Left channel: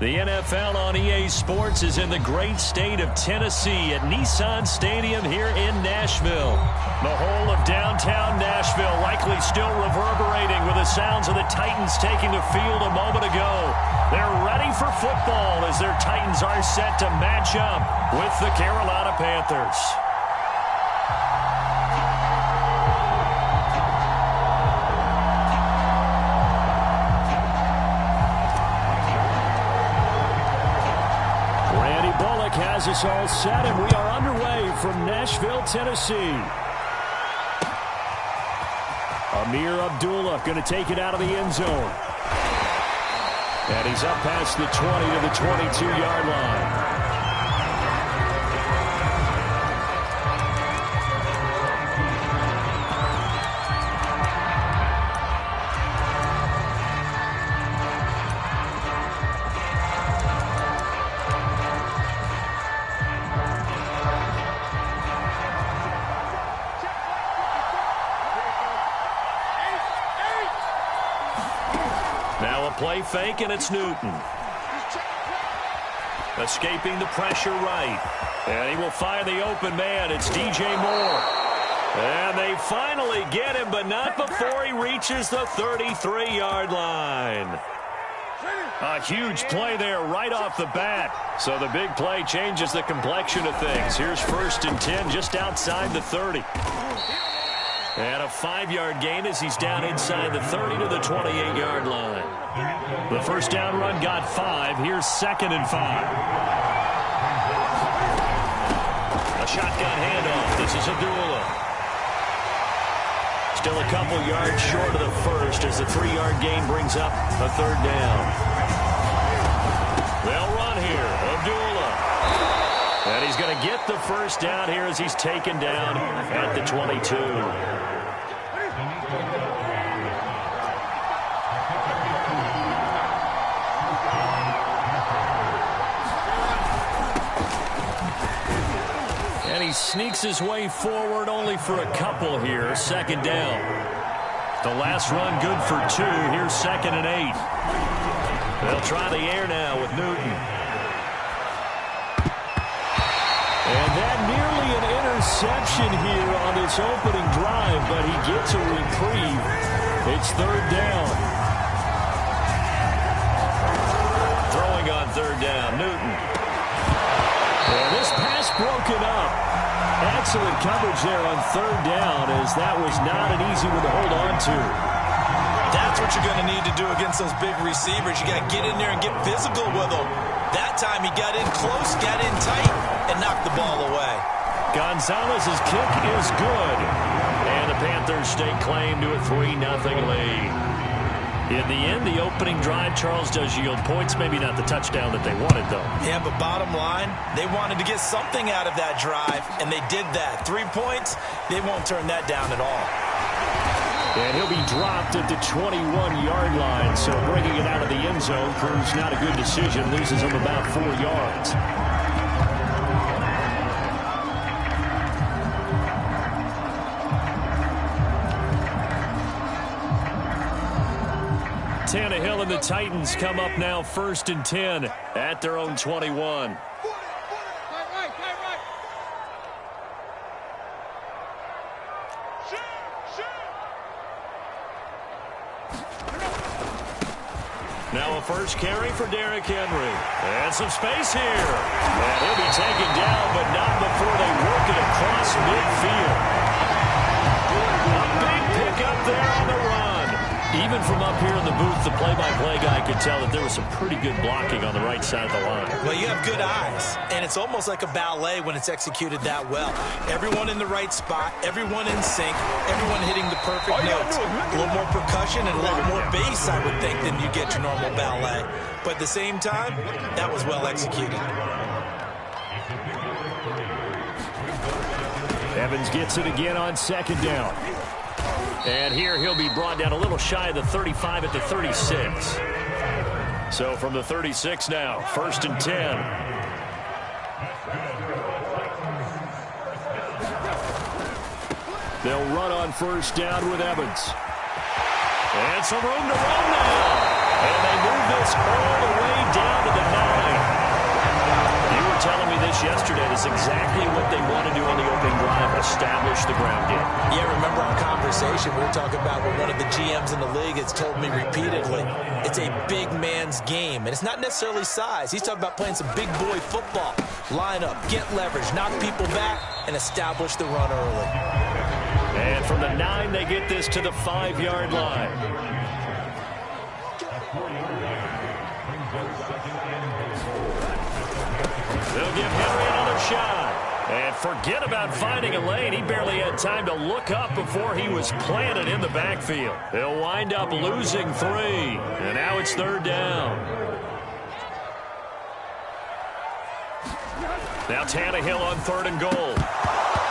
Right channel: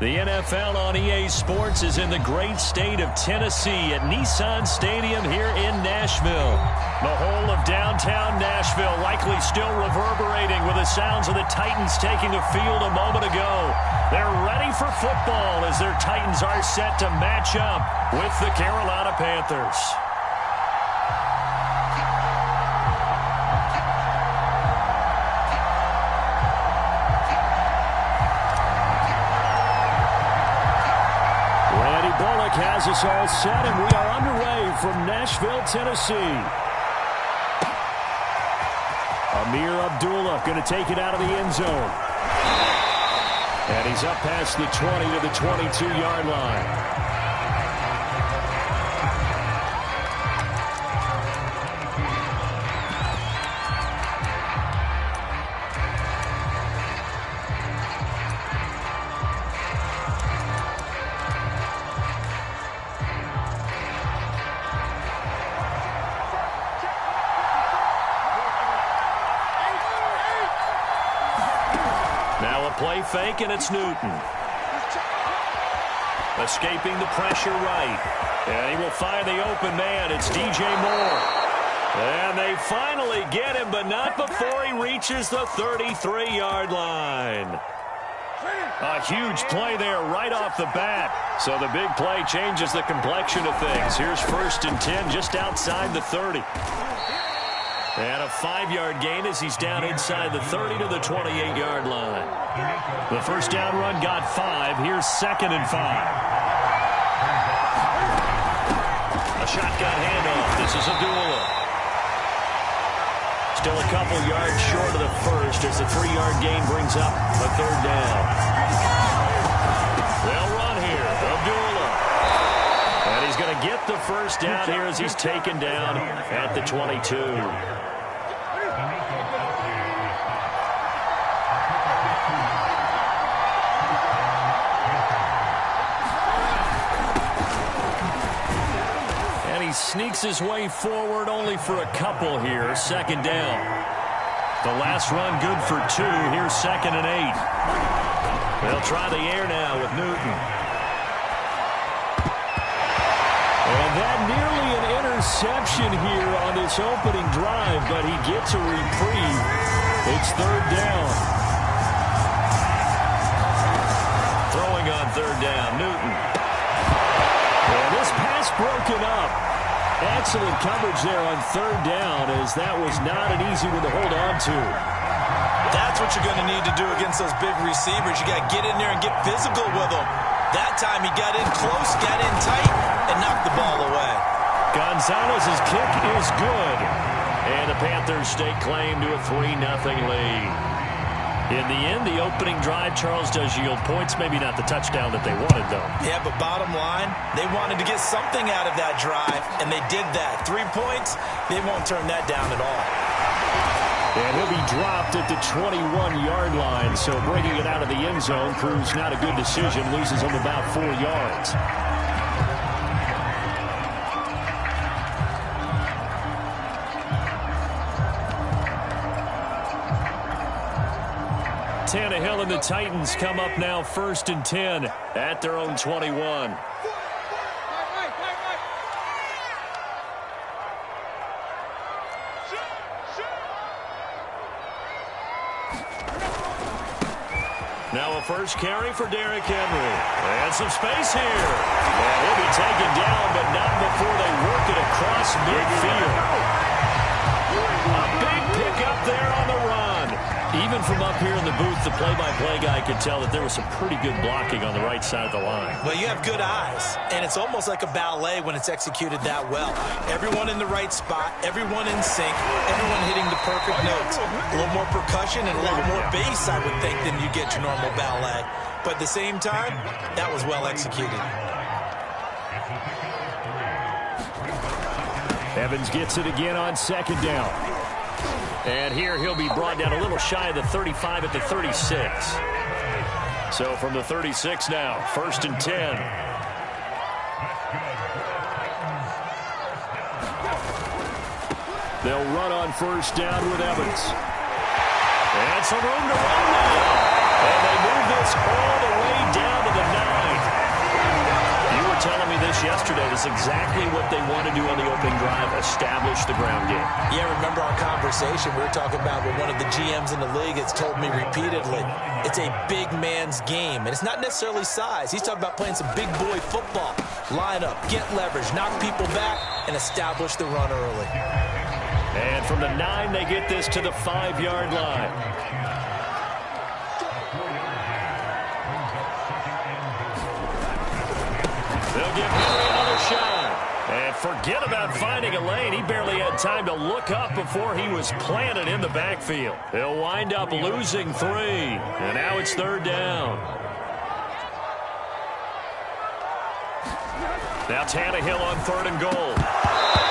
The NFL on EA Sports is in the great state of Tennessee at Nissan Stadium here in Nashville. The whole of downtown Nashville likely still reverberating with the sounds of the Titans taking the field a moment ago. They're ready for football as their Titans are set to match up with the Carolina Panthers. Bullock has us all set, and we are underway from Nashville, Tennessee. Amir Abdullah going to take it out of the end zone. And he's up past the 20 to the 22-yard line. Play fake, and it's Newton. Escaping the pressure right. And he will find the open man. It's DJ Moore. And they finally get him, but not before he reaches the 33-yard line. A huge play there right off the bat. So the big play changes the complexion of things. Here's 1st and 10 just outside the 30. And a 5-yard gain as he's down inside the 30 to the 28-yard line. The first down run got 5. Here's 2nd and 5. A shotgun handoff. This is Abdullah. Still a couple yards short of the first as the 3-yard gain brings up a 3rd down. They'll run here. Abdullah. And he's going to get the first down here as he's taken down at the 22. And he sneaks his way forward only for a couple here. 2nd down. The last run good for 2. Here's 2nd and 8. They'll try the air now with Newton. And that nearly an interception here on this opening drive, but he gets a reprieve. It's 3rd down. Throwing on 3rd down, Newton. And this pass broken up. Excellent coverage there on 3rd down, as that was not an easy one to hold on to. That's what you're going to need to do against those big receivers. You got to get in there and get physical with them. That time he got in close, got in tight, and knocked the ball away. Gonzalez's kick is good. And the Panthers stake claim to a 3-0 lead. In the end, the opening drive, Charles, does yield points. Maybe not the touchdown that they wanted, though. Yeah, but bottom line, they wanted to get something out of that drive, and they did that. 3 points, they won't turn that down at all. And he'll be dropped at the 21-yard line, so bringing it out of the end zone proves not a good decision. Loses him about 4 yards. Tannehill and the Titans come up now 1st and 10 at their own 21. Now a first carry for Derrick Henry. And some space here. And he'll be taken down, but not before they work it across midfield. A big pickup there on the run. Even from up here in the booth, the play-by-play guy could tell that there was some pretty good blocking on the right side of the line. Well, you have good eyes, and it's almost like a ballet when it's executed that well. Everyone in the right spot, everyone in sync, everyone hitting the perfect notes. A little more percussion and a lot more bass, I would think, than you get your normal ballet. But at the same time, that was well executed. Evans gets it again on 2nd down. And here he'll be brought down a little shy of the 35 at the 36. So from the 36 now, 1st and 10. They'll run on 1st down with Evans. And some room to run now. And they move this all the way down to the 9. You were telling me this yesterday. This is exactly what they want to do on the opening drive, establish the ground game. Yeah, remember our conversation? We were talking about what one of the GMs in the league has told me repeatedly. It's a big man's game, and it's not necessarily size. He's talking about playing some big boy football. Line up, get leverage, knock people back, and establish the run early. And from the 9, they get this to the 5-yard line. They'll give Henry another shot. And forget about finding a lane. He barely had time to look up before he was planted in the backfield. They'll wind up losing 3. And now it's 3rd down. Now Tannehill on 3rd and goal.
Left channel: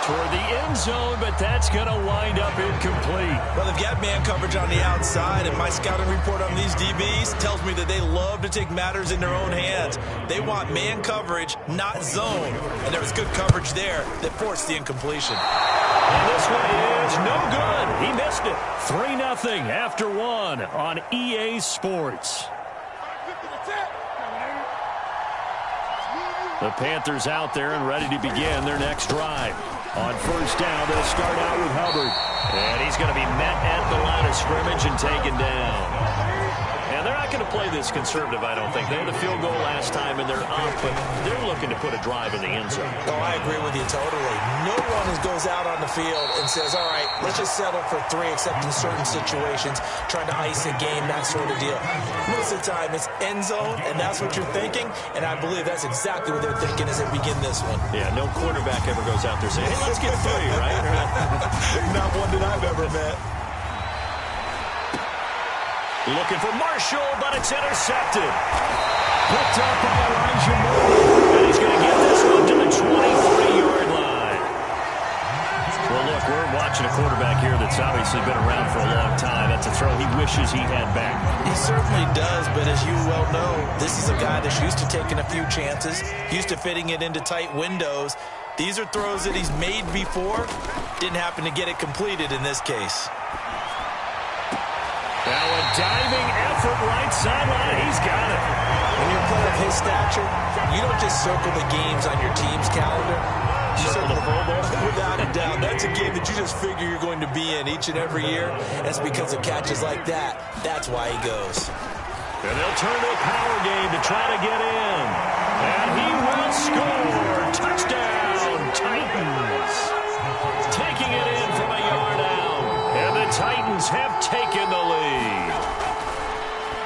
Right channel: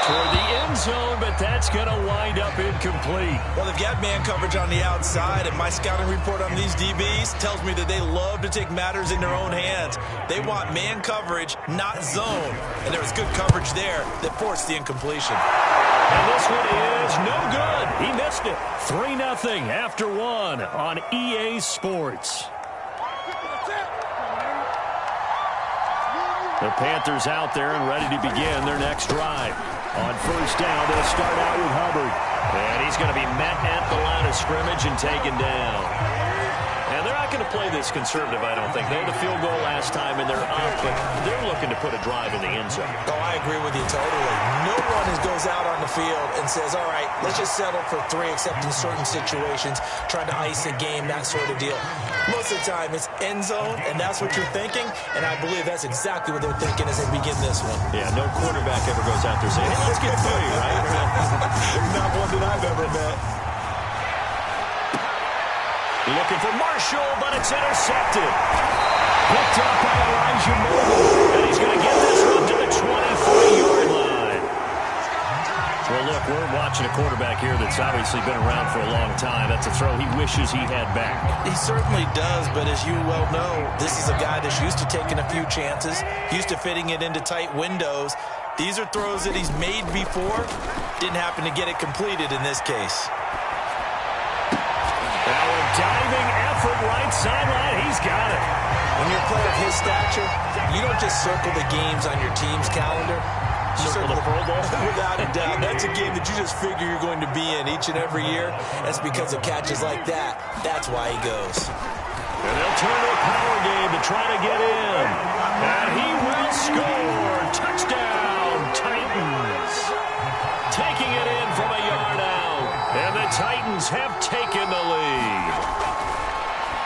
Toward the end zone, but that's going to wind up incomplete. Well, they've got man coverage on the outside, and my scouting report on these DBs tells me that they love to take matters in their own hands. They want man coverage, not zone. And there was good coverage there that forced the incompletion. And this one is no good. He missed it. 3-0 after 1 on EA Sports. The Panthers out there and ready to begin their next drive. On 1st down, they'll start out with Hubbard. And he's going to be met at the line of scrimmage and taken down. And they're not going to play this conservative, I don't think. They had a field goal last time, and they're up, but they're looking to put a drive in the end zone. Oh, I agree with you totally. No one goes out on the field and says, all right, let's just settle for 3, except in certain situations, trying to ice a game, that sort of deal. Most of the time, it's end zone, and that's what you're thinking, and I believe that's exactly what they're thinking as they begin this one. Yeah, no quarterback ever goes out there saying, hey, let's get 3, right? Not one that I've ever met. Looking for Marshall, but it's intercepted. Picked up by Elijah Moore. And he's going to get this one to the 23-yard line. Well, look, we're watching a quarterback here that's obviously been around for a long time. That's a throw he wishes he had back. He certainly does, but as you well know, this is a guy that's used to taking a few chances, used to fitting it into tight windows. These are throws that he's made before. Didn't happen to get it completed in this case. Now a diving effort right sideline. He's got it. When you're a player of his stature, you don't just circle the games on your team's calendar. You circle the Pro Bowl? Without a doubt. That's a game that you just figure you're going to be in each and every year. That's because of catches like that. That's why he goes. And they'll turn to a power game to try to get in. And he will score. Touchdown, Titans. Taking it in from a yard out. And the Titans have taken the lead.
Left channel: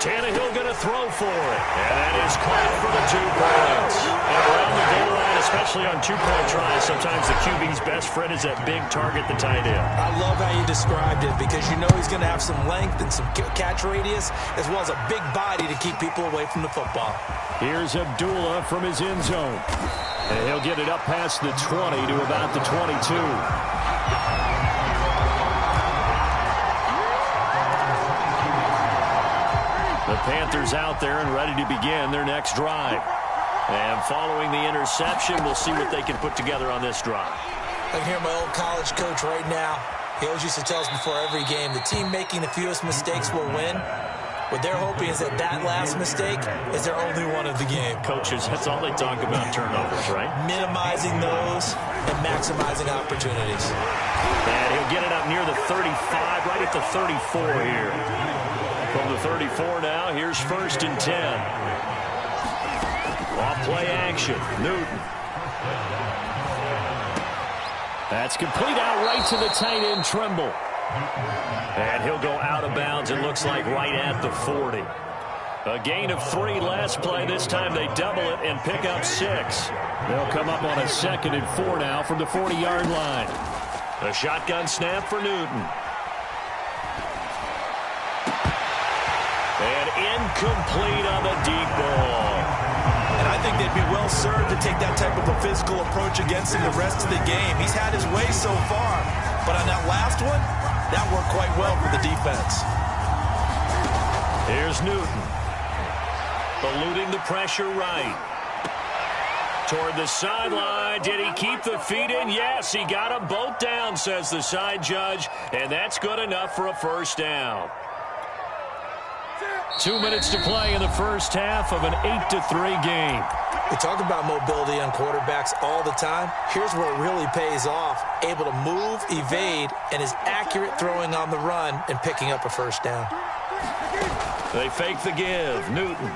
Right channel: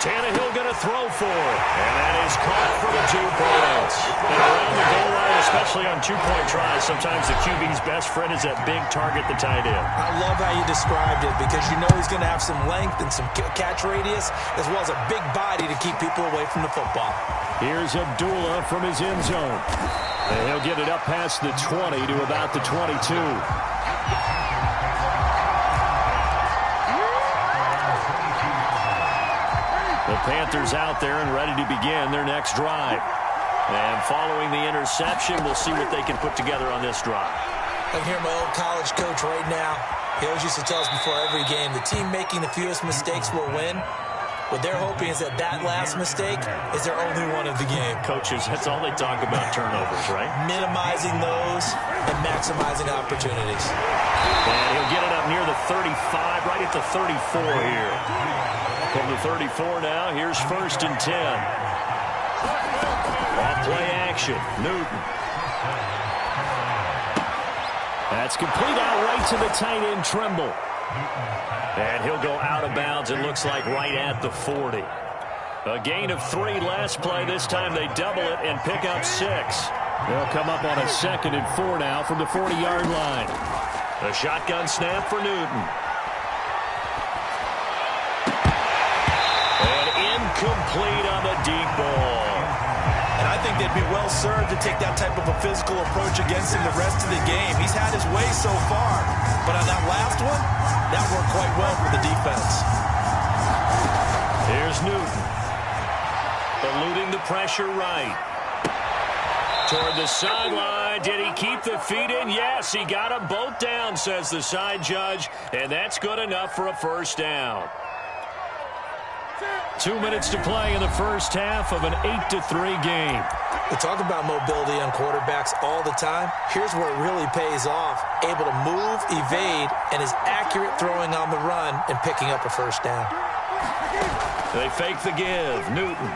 Tannehill going to throw for it. And that is caught for the 2 points. And around the goal line, especially on 2-point tries, sometimes the QB's best friend is that big target, the tight end. I love how you described it because you know he's going to have some length and some catch radius as well as a big body to keep people away from the football. Here's Abdullah from his end zone. And he'll get it up past the 20 to about the 22. The Panthers out there and ready to begin their next drive. And following the interception, we'll see what they can put together on this drive. I can hear my old college coach right now. He always used to tell us before every game, the team making the fewest mistakes will win. What they're hoping is that that last mistake is their only one of the game. Coaches, that's all they talk about, turnovers, right? Minimizing those and maximizing opportunities. And he'll get it up near the 35, right at the 34 here. From the 34 now, here's 1st and 10. Off play action, Newton. That's complete out right to the tight end, Trimble. And he'll go out of bounds, it looks like right at the 40. A gain of 3 last play. This time they double it and pick up 6. They'll come up on a 2nd and 4 now from the 40-yard line. A shotgun snap for Newton. And incomplete on the deep ball. And I think they'd be well served to take that type of a physical approach against him the rest of the game. He's had his way so far, but on that last one, that worked quite well for the defense. Here's Newton. Eluding the pressure right. Toward the sideline. Did he keep the feet in? Yes, he got them both down, says the side judge, and that's good enough for a 1st down. 2 minutes to play in the first half of an 8-3 game. We talk about mobility on quarterbacks all the time. Here's where it really pays off. Able to move, evade, and is accurate throwing on the run and picking up a first down. They fake the give. Newton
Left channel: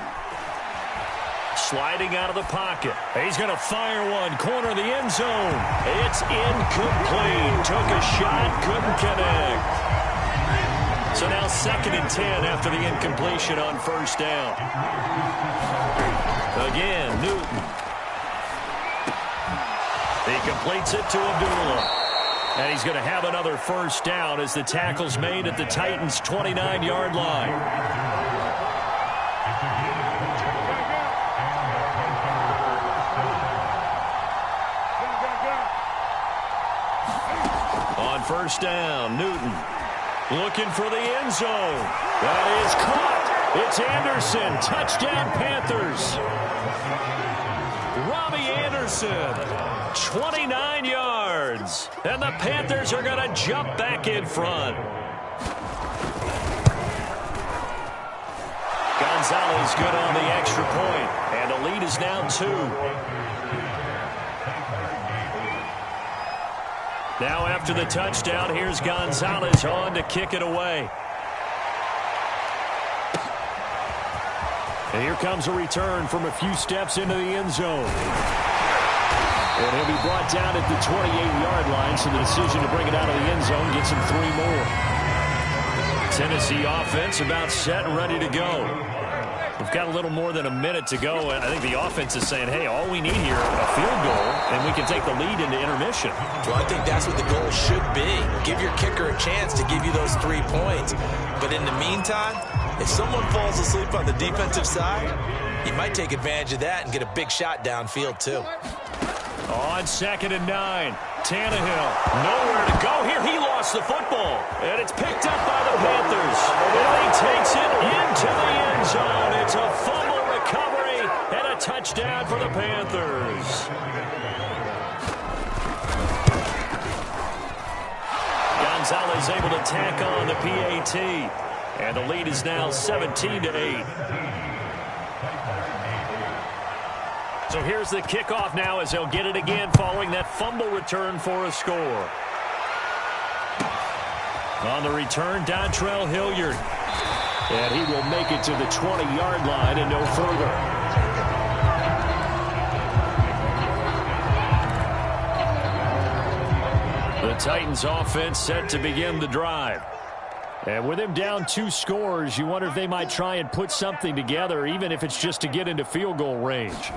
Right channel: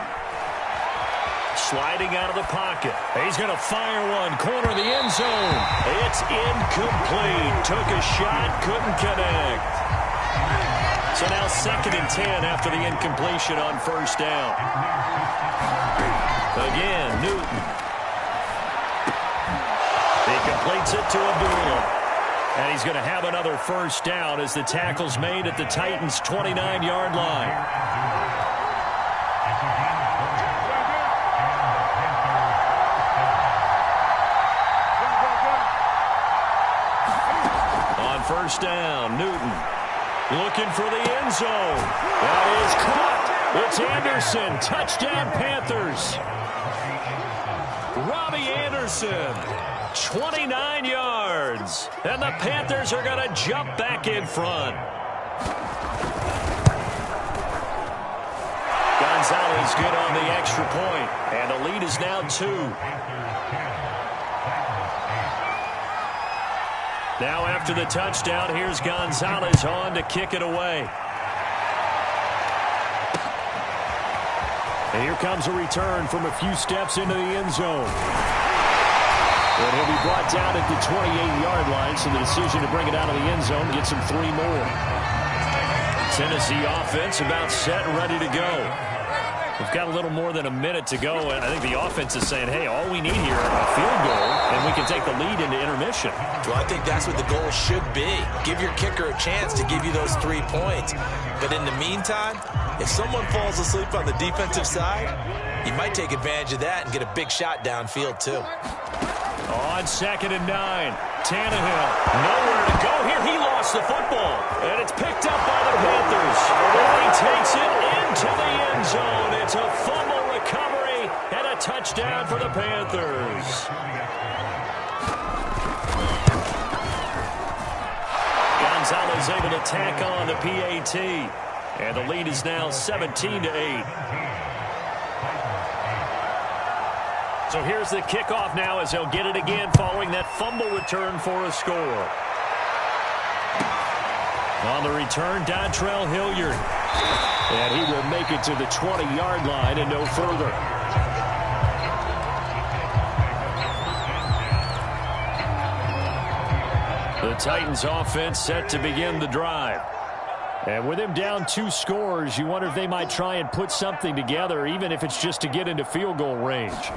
sliding out of the pocket. He's going to fire one. Corner of the end zone. It's incomplete. Took a shot, couldn't connect. So now 2nd and 10 after the incompletion on first down. Again, Newton. He completes it to Abdullah. And he's going to have another first down as the tackle's made at the Titans' 29-yard line. On first down, Newton looking for the end zone. That is caught. It's Anderson. Touchdown, Panthers. Robbie Anderson, 29 yards. And the Panthers are going to jump back in front. Gonzalez good on the extra point. And the lead is now 2. Now after the touchdown, here's Gonzalez on to kick it away. And here comes a return from a few steps into the end zone. And he'll be brought down at the 28-yard line, so the decision to bring it out of the end zone gets him 3 more. Tennessee offense about set and ready to go. We've got a little more than a minute to go, and I think the offense is saying, hey, all we need here, a field goal, and we can take the lead into intermission. Well, I think that's what the goal should be. Give your kicker a chance to give you those 3 points. But in the meantime, if someone falls asleep on the defensive side, you might take advantage of that and get a big shot downfield, too. On 2nd and 9, Tannehill, nowhere to go here. He lost the football, and it's picked up by the Panthers. And he takes it into the end zone. It's a fumble recovery and a touchdown for the Panthers. Gonzalez able to tack on the PAT, and the lead is now 17-8. So here's the kickoff now as they'll get it again following that fumble return for a score. On the return, Dontrell Hilliard. And he will make it to the 20-yard line and no further. The Titans offense set to begin the drive. And with him down 2 scores, you wonder if they might try and put something together, even if it's just to get into field goal range.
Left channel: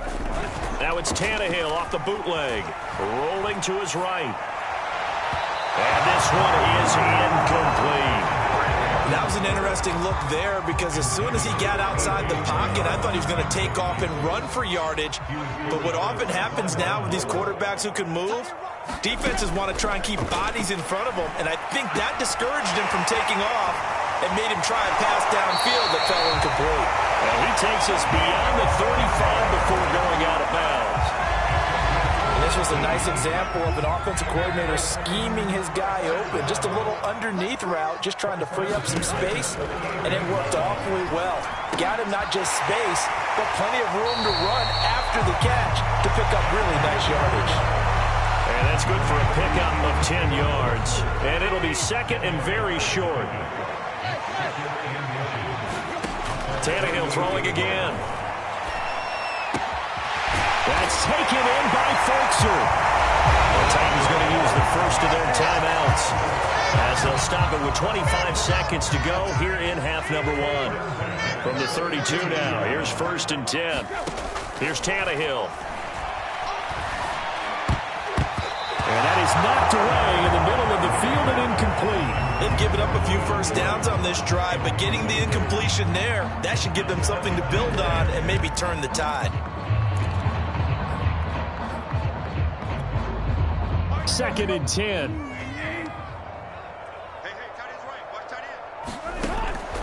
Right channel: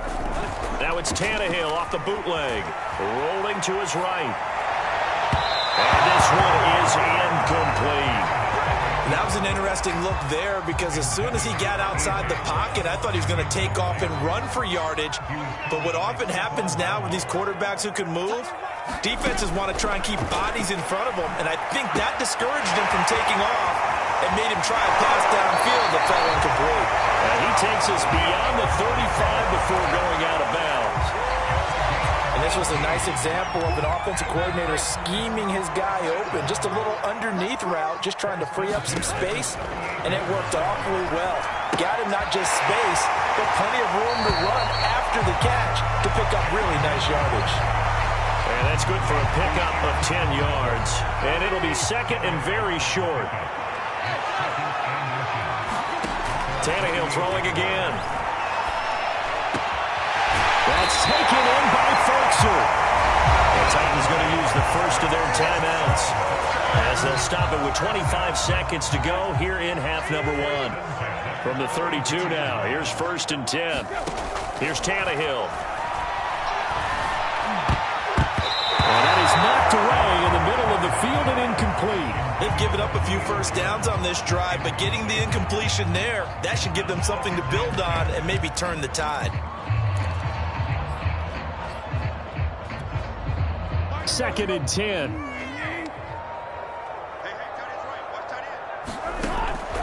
Now it's Tannehill off the bootleg, rolling to his right. And this one is incomplete. That was an interesting look there because as soon as he got outside the pocket, I thought he was going to take off and run for yardage. But what often happens now with these quarterbacks who can move, defenses want to try and keep bodies in front of them, and I think that discouraged him from taking off and made him try a pass downfield that fell incomplete. And he takes us beyond the 35 before going out of bounds. And this was a nice example of an offensive coordinator scheming his guy open. Just a little underneath route, just trying to free up some space, and it worked awfully well. Got him not just space, but plenty of room to run after the catch to pick up really nice yardage. And that's good for a pickup of 10 yards. And it'll be 2nd and very short. Tannehill throwing again. That's taken in by Ferkser. The Titans going to use the first of their timeouts as they'll stop it with 25 seconds to go here in half number 1. From the 32 now, here's 1st and 10. Here's Tannehill. And that is knocked away in the middle of the field and incomplete. They've given up a few first downs on this drive, but getting the incompletion there, that should give them something to build on and maybe turn the tide. 2nd and 10.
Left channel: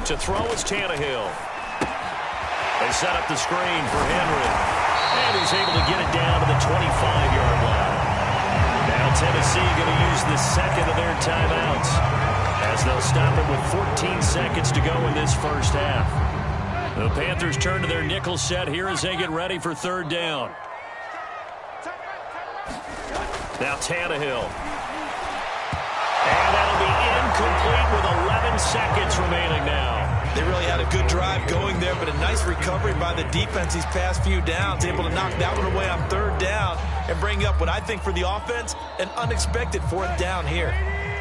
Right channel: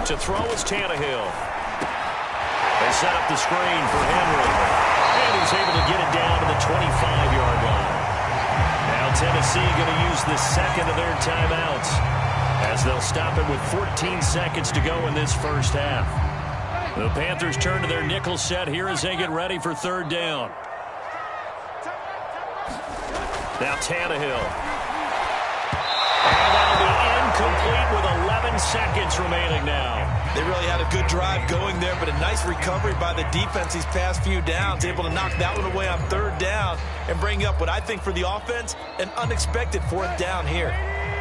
To throw is Tannehill. They set up the screen for Henry. And he's able to get it down to the 25-yard line. Now Tennessee going to use the 2nd of their timeouts as they'll stop it with 14 seconds to go in this first half. The Panthers turn to their nickel set here as they get ready for third down. Now Tannehill. And that'll be incomplete with 11 seconds remaining now. They really had a good drive going there, but a nice recovery by the defense these past few downs, able to knock that one away on third down and bring up what I think for the offense, an unexpected fourth down here.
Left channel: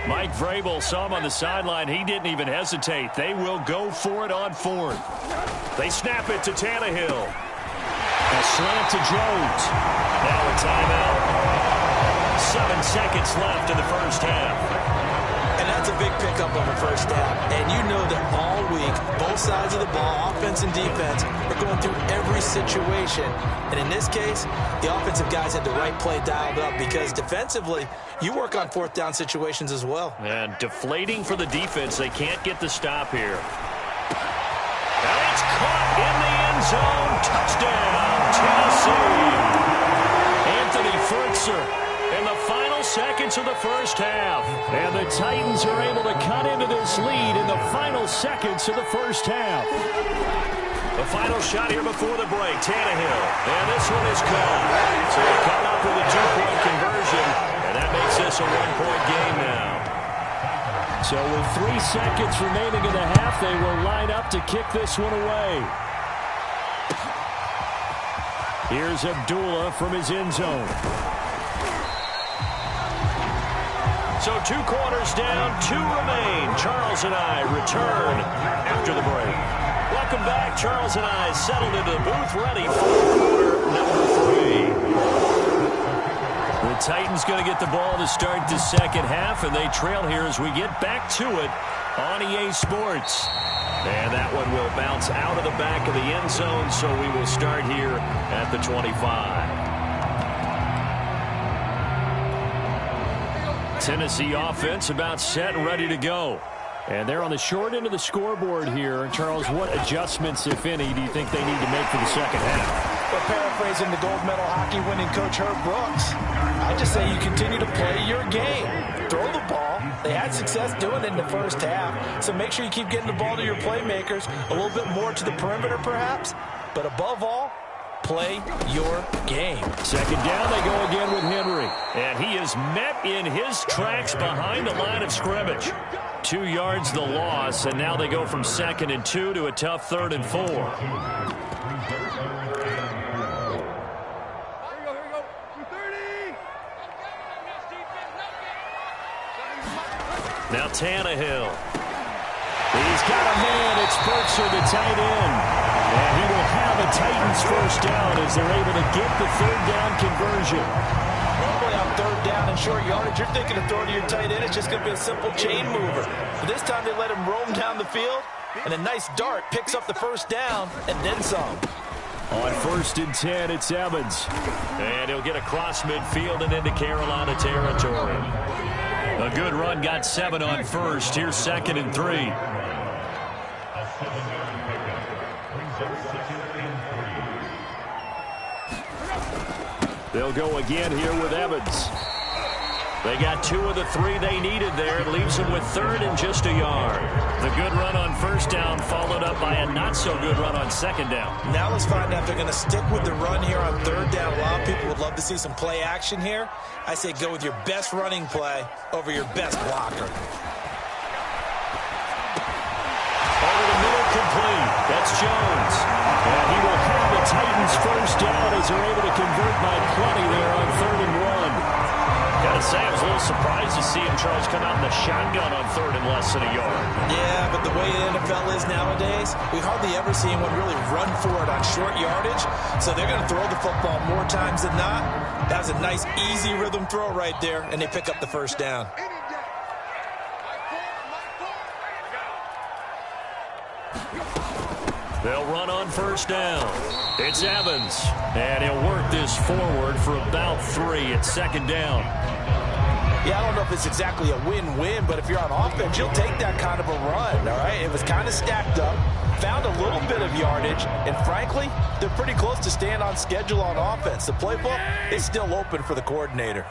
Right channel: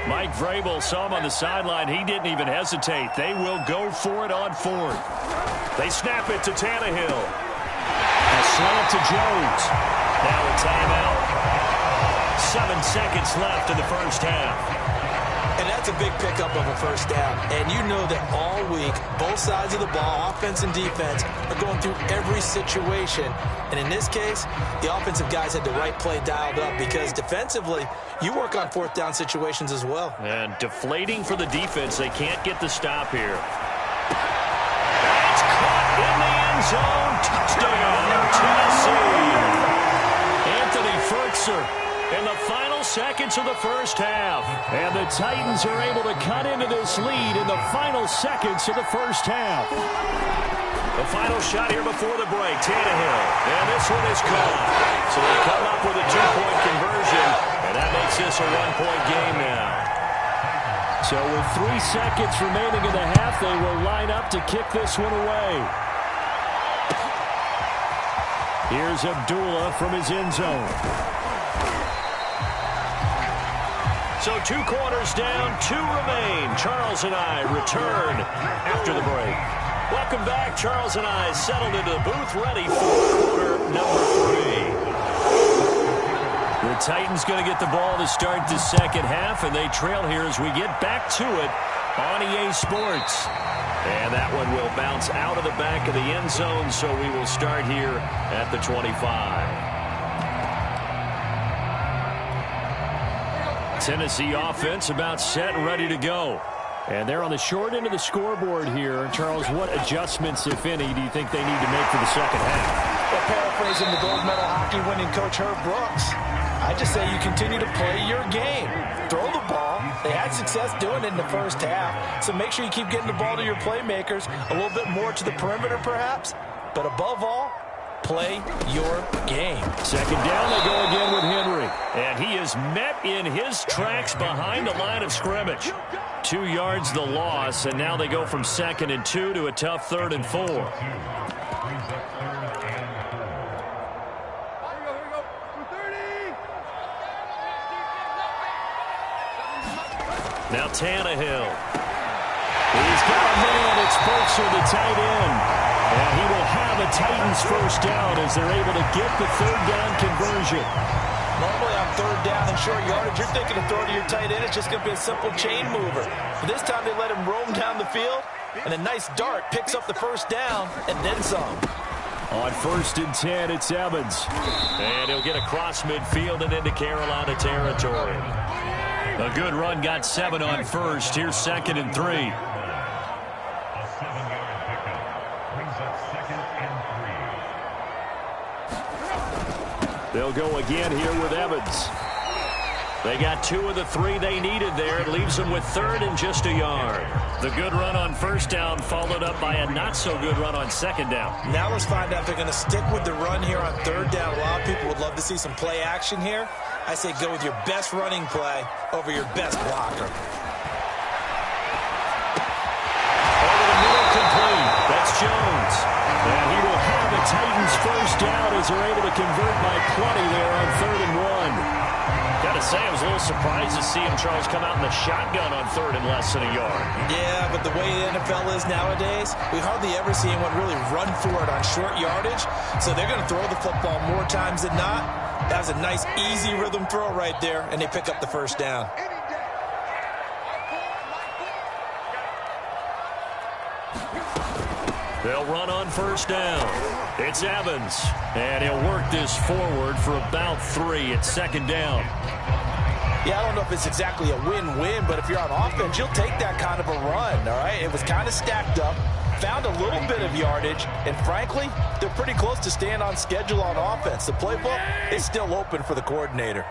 Mike Vrabel saw him on the sideline. He didn't even hesitate. They will go for it on fourth. They snap it to Tannehill. A slant to Jones. Now a timeout. 7 seconds left in the first half. And that's a big pickup of a first down. And you know that all week, both sides of the ball, offense and defense, are going through every situation. And in this case, the offensive guys had the right play dialed up because defensively, you work on fourth down situations as well. And deflating for the defense. They can't get the stop here. And it's caught in the end zone. Touchdown, Tennessee. Anthony Fertzer in the final seconds of the first half. And the Titans are able to cut into this lead in the final seconds of the first half. The final shot here before the break, Tannehill. And this one is caught. So they come up with a two-point conversion, and that makes this a one-point game now. So with 3 seconds remaining in the half, they will line up to kick this one away. Here's Abdullah from his end zone. So 2 quarters down, 2 remain. Charles and I return after the break. Welcome back. Charles and I settled into the booth, ready for quarter number 3. The Titans going to get the ball to start the second half, and they trail here as we get back to it on EA Sports. And that one will bounce out of the back of the end zone, so we will start here at the 25. Tennessee offense about set and ready to go. And they're on the short end of the scoreboard here. Charles, what adjustments, if any, do you think they need to make for the second half? Well, paraphrasing the gold medal hockey winning coach Herb Brooks, I just say you continue to play your game. Throw the ball. They had success doing it in the first half. So make sure you keep getting the ball to your playmakers, a little bit more to the perimeter perhaps. But above all, play your game. Second down, they go again with Henry. And he is met in his tracks behind the line of scrimmage. 2 yards the loss, and now they go from 2nd and 2 to a tough 3rd and 4. Here we go. 230. Now Tannehill. He's got a man. It's Fertzer, the tight end. And he will have a Titans first down as they're able to get the third down conversion. Normally on third down and short yardage, you're thinking of throwing to your tight end. It's just going to be a simple chain mover. But this time they let him roam down the field, and a nice dart picks up the first down and then some. On 1st and 10, it's Evans. And he'll get across midfield and into Carolina territory. A good run, got 7 on first. Here's 2nd and 3. They'll go again here with Evans. They got 2 of the 3 they needed there. It leaves them with 3rd and just a yard. The good run on first down followed up by a not-so-good run on second down. Now let's find out if they're going to stick with the run here on third down. A lot of people would love to see some play action here. I say go with your best running play over your best blocker. Over the middle, complete. That's Jones. And he will have a Titans first down as they're able to convert by plenty there on 3rd and 1. Got to say, I was a little surprised to see him, Charles, come out in the shotgun on 3rd and less than a yard. Yeah, but the way the NFL is nowadays, we hardly ever see anyone really run for it on short yardage. So they're going to throw the football more times than not. That was a nice, easy rhythm throw right there, and they pick up the first down. They'll run on first down. It's Evans. And he'll work this forward for about 3 at 2nd down. Yeah, I don't know if it's exactly a win-win, but if you're on offense, you'll take that kind of a run, all right? It was kind of stacked up, found a little bit of yardage, and frankly, they're pretty close to staying on schedule on offense. The playbook is still open for the coordinator.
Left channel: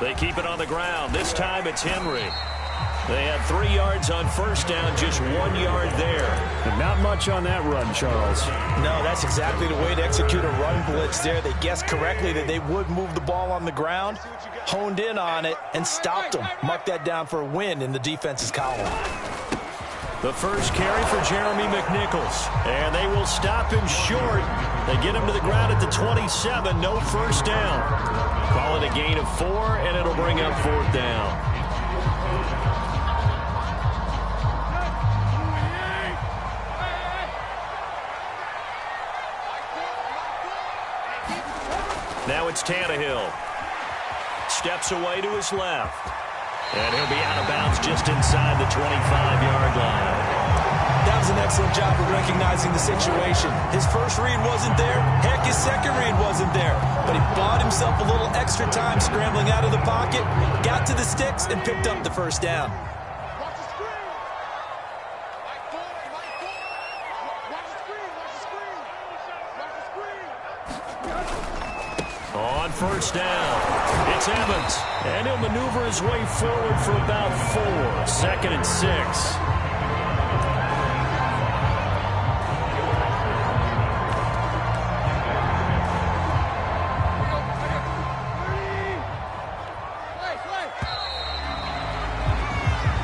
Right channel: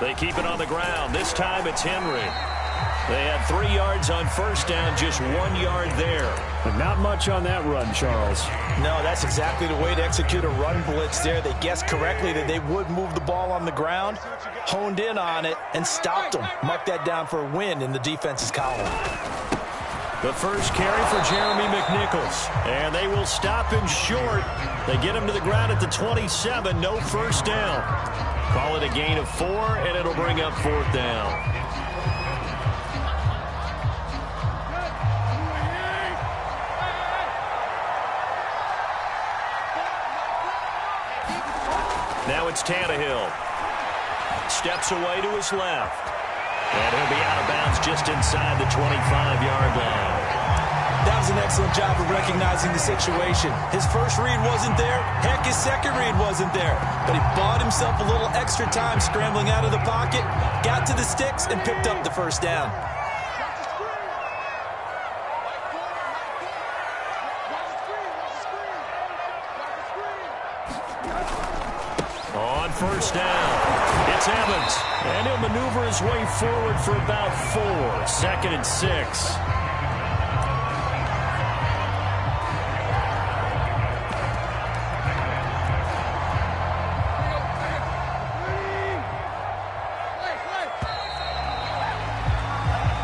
They keep it on the ground. This time it's Henry. They had 3 yards on first down, just 1 yard there. But not much on that run, Charles. No, that's exactly the way to execute a run blitz there. They guessed correctly that they would move the ball on the ground, honed in on it, and stopped them. Mark that down for a win in the defense's column. The first carry for Jeremy McNichols. And they will stop him short. They get him to the ground at the 27. No first down. Call it a gain of 4, and it'll bring up 4th down. Now it's Tannehill. Steps away to his left. And he'll be out of bounds just inside the 25-yard line. That was an excellent job of recognizing the situation. His first read wasn't there. Heck, his second read wasn't there. But he bought himself a little extra time scrambling out of the pocket, got to the sticks, and picked up the first down. On first down, it's Evans. And he'll maneuver his way forward for about 4. 2nd and 6.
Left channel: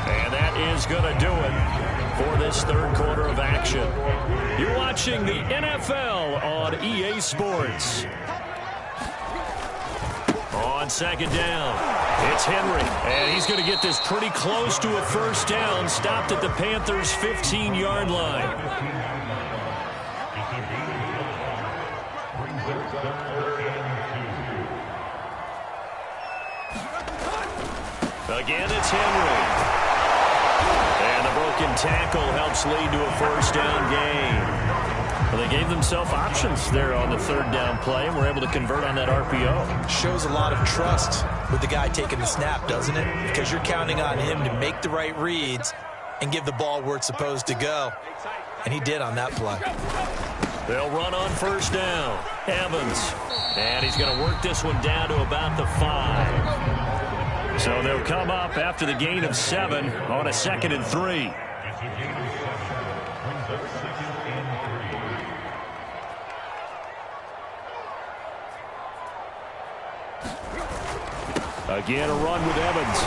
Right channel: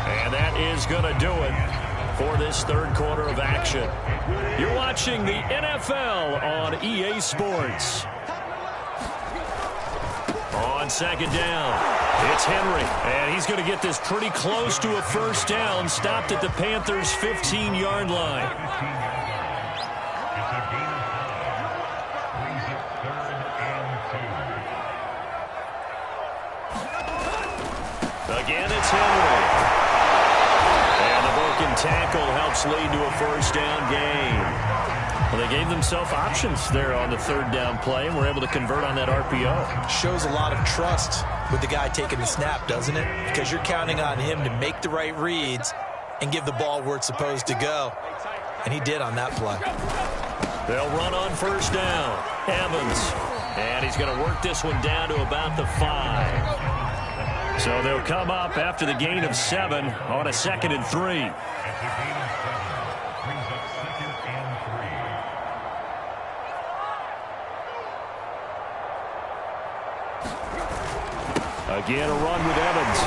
And that is going to do it for this 3rd quarter of action. You're watching the NFL on EA Sports. On 2nd down, it's Henry, and he's going to get this pretty close to a first down, stopped at the Panthers' 15-yard line. Again, it's Henry. And the broken tackle helps lead to a first down gain. Well, they gave themselves options there on the 3rd down play, and were able to convert on that RPO. Shows a lot of trust with the guy taking the snap, doesn't it? Because you're counting on him to make the right reads and give the ball where it's supposed to go. And he did on that play. They'll run on first down. Evans. And he's going to work this one down to about the 5. So they'll come up after the gain of 7 on a 2nd and 3. Again, a run with Evans.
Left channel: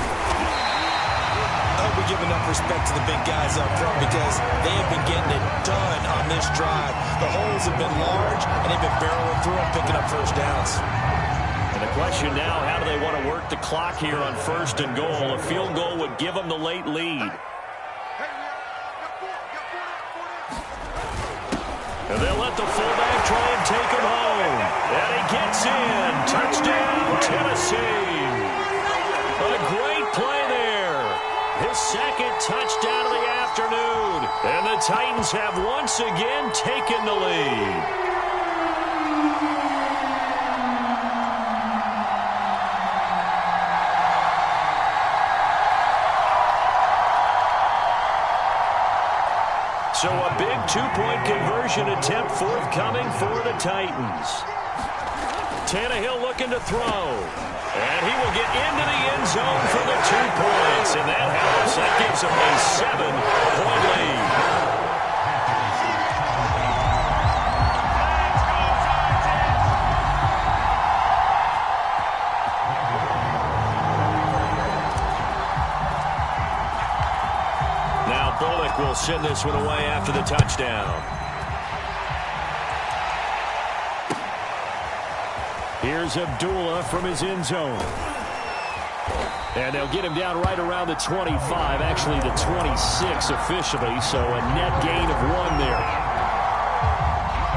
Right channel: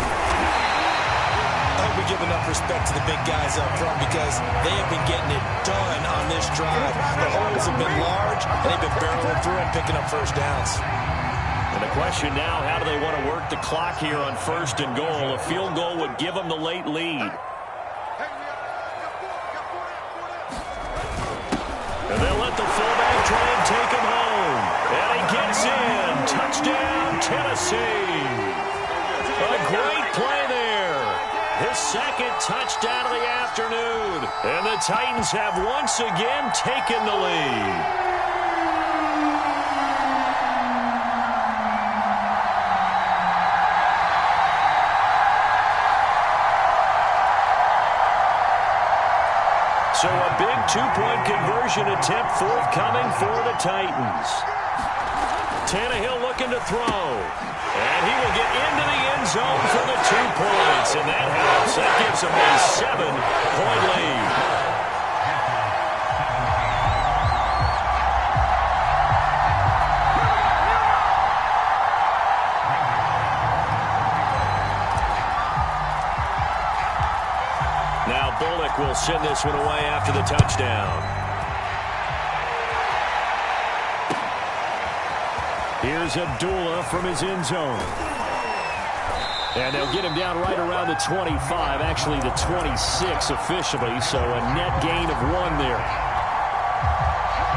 I hope we give enough respect to the big guys up front because they have been getting it done on this drive. The holes have been large, and they've been barreling through them, picking up first downs. And the question now, how do they want to work the clock here on 1st and goal? A field goal would give them the late lead. And they'll let the fullback try and take him home. And he gets in. Touchdown, Tennessee. A great play there. His 2nd touchdown of the afternoon. And the Titans have once again taken the lead. So a big 2-point conversion attempt forthcoming for the Titans. Tannehill looking to throw. And he will get into the end zone for the 2 points. And that helps. That gives him a 7-point lead. Now Bullock will send this one away after the touchdown. Here's Abdullah from his end zone. And they'll get him down right around the 25, actually the 26 officially, so a net gain of 1 there.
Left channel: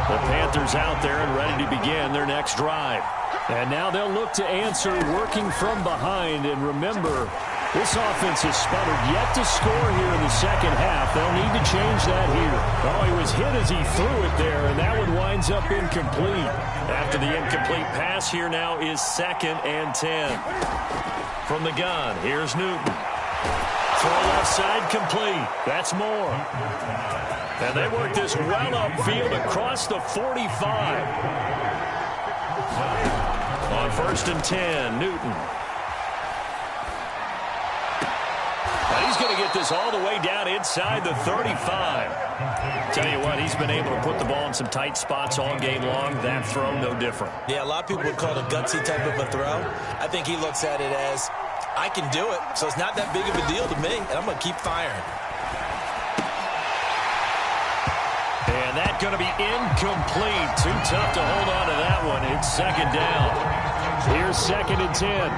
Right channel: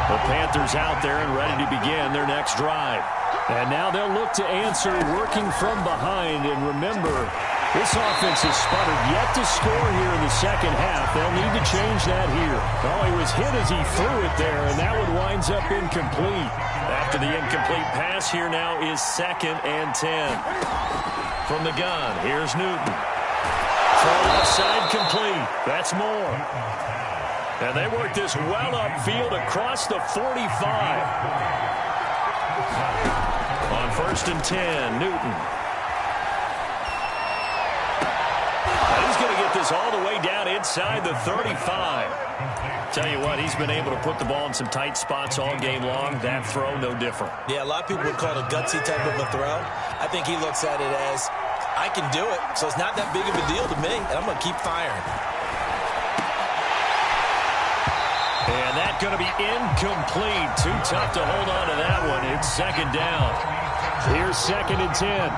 The Panthers out there and ready to begin their next drive. And now they'll look to answer working from behind. And remember, this offense has sputtered yet to score here in the 2nd half. They'll need to change that here. Oh, he was hit as he threw it there, and that one winds up incomplete. After the incomplete pass, here now is 2nd and 10. From the gun, here's Newton. Throw left side complete. That's Moore. And they work this well upfield across the 45. On 1st and 10, Newton. And he's going to get this all the way down inside the 35. Tell you what, he's been able to put the ball in some tight spots all game long. That throw, no different. Yeah, a lot of people would call it a gutsy type of a throw. I think he looks at it as, I can do it, so it's not that big of a deal to me, and I'm going to keep firing. And that's going to be incomplete. Too tough to hold on to that one. It's second down. Here's 2nd and 10.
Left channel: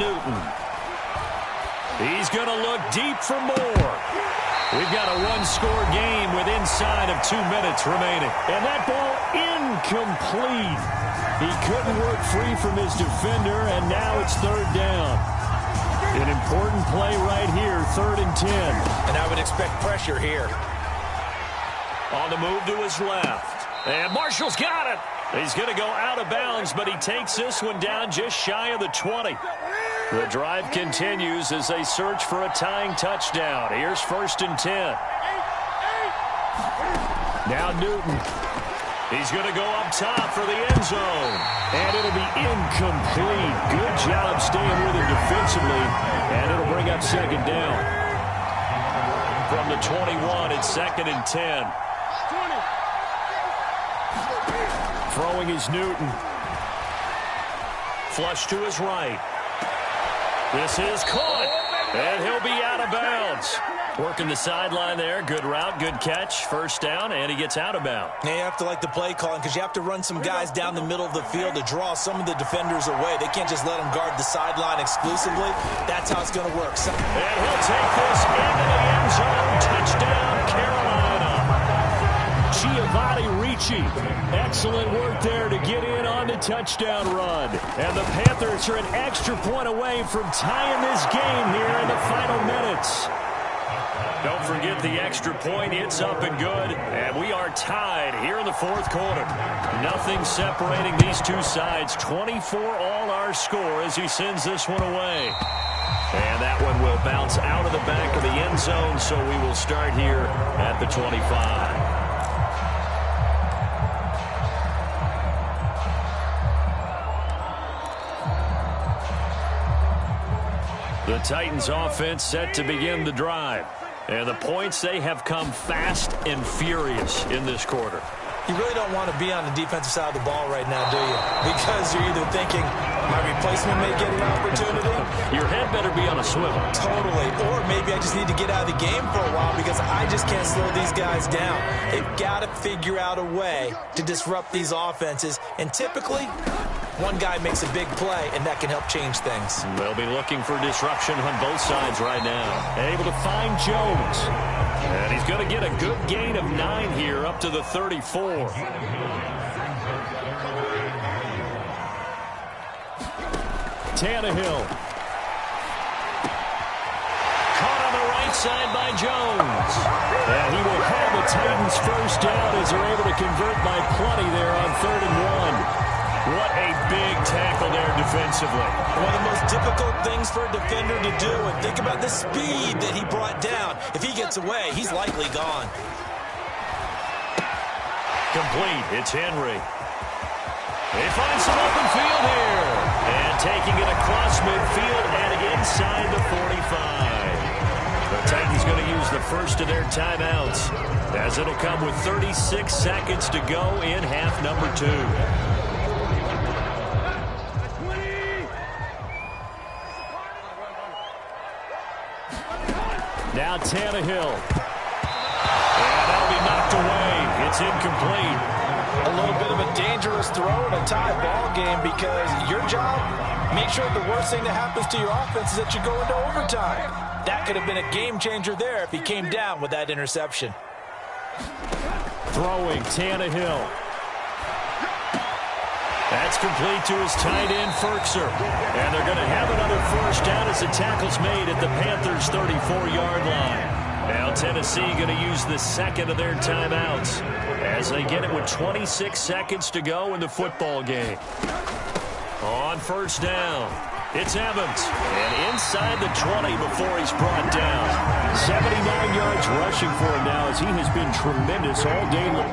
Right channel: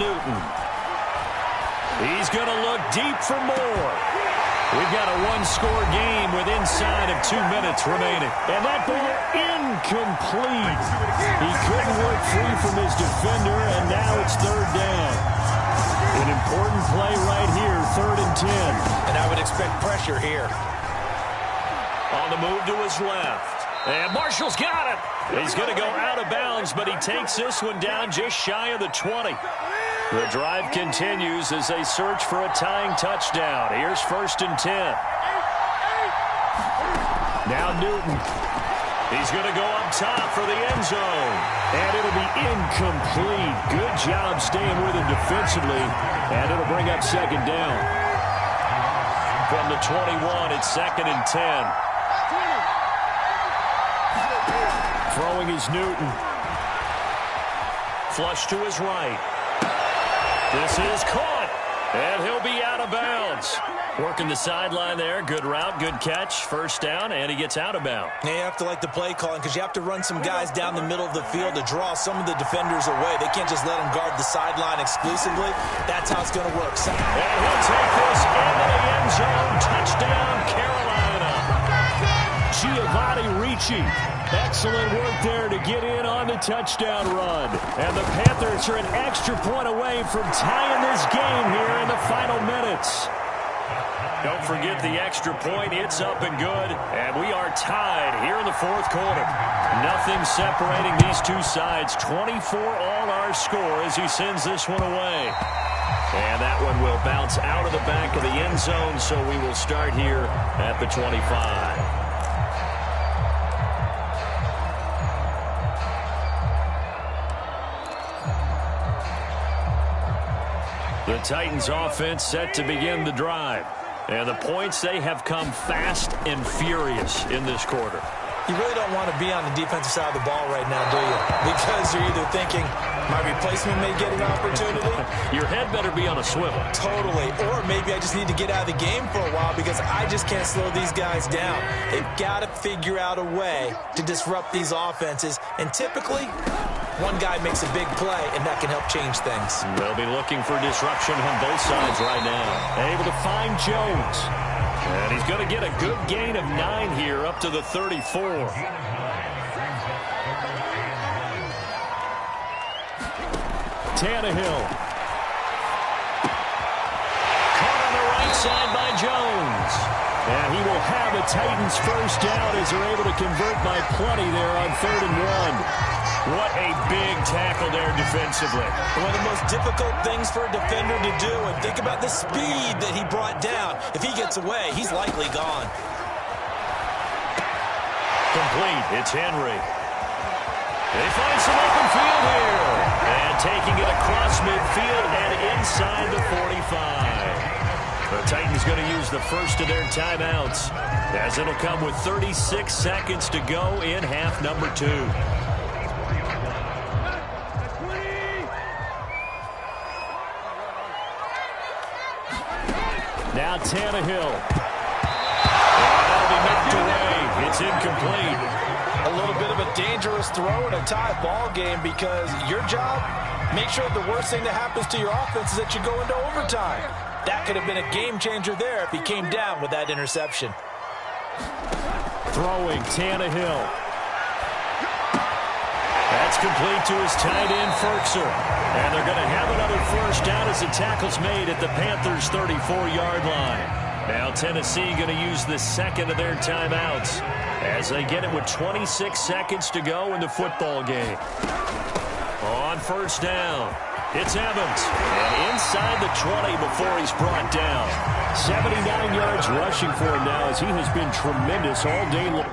Newton. He's going to look deep for more. We've got a one-score game with inside of 2 minutes remaining. And that ball incomplete. He couldn't work free from his defender, and now it's 3rd down. An important play right here, 3rd and 10. And I would expect pressure here. On the move to his left. And Marshall's got it. He's going to go out of bounds, but he takes this one down just shy of the 20. The drive continues as they search for a tying touchdown. Here's 1st and 10. Now Newton. He's going to go up top for the end zone. And it'll be incomplete. Good job staying with him defensively. And it'll bring up 2nd down. From the 21, it's 2nd and 10. Throwing is Newton. Flush to his right. This is caught. And he'll be out of bounds. Working the sideline there. Good route, good catch. 1st down, and he gets out of bounds. Now you have to like the play calling because you have to run some guys down the middle of the field to draw some of the defenders away. They can't just let them guard the sideline exclusively. That's how it's going to work. And he'll take this into the end zone. Touchdown, Carolina. Giovanni Ricci. Excellent work there to get in on the touchdown run. And the Panthers are an extra point away from tying this game here in the final minutes. Don't forget the extra point. It's up and good. And we are tied here in the 4th quarter. Nothing separating these two sides. 24 all our score as he sends this one away. And that one will bounce out of the back of the end zone, so we will start here at the 25. The Titans offense set to begin the drive. And the points, they have come fast and furious in this quarter. You really don't want to be on the defensive side of the ball right now, do you? Because you're either thinking, my replacement may get an opportunity. Your head better be on a swivel. Totally. Or maybe I just need to get out of the game for a while because I just can't slow these guys down. They've got to figure out a way to disrupt these offenses. And typically, one guy makes a big play, and that can help change things. They'll be looking for disruption on both sides right now. Able to find Jones. And he's going to get a good gain of 9 here up to the 34. Tannehill. Caught on the right side by Jones. And he will have a Titans 1st down as they're able to convert by plenty there on 3rd and 1. What a big tackle there defensively. One of the most difficult things for a defender to do, and think about the speed that he brought down. If he gets away, he's likely gone. Complete. It's Henry. They find some open field here. And taking it across midfield and inside the 45. The Titans going to use the first of their timeouts as it'll come with 36 seconds to go in half number 2. Now Tannehill. And that'll be knocked away. It's incomplete. A little bit of a dangerous throw in a tie ball game because your job, make sure the worst thing that happens to your offense is that you go into overtime. That could have been a game changer there if he came down with that interception. Throwing Tannehill. That's complete to his tight end, Firkser. And they're going to have another 1st down as the tackle's made at the Panthers' 34-yard line. Now Tennessee going to use the 2nd of their timeouts as they get it with 26 seconds to go in the football game. On 1st down, it's Evans. And inside the 20 before he's brought down. 79 yards rushing for him now as he has been tremendous all day long.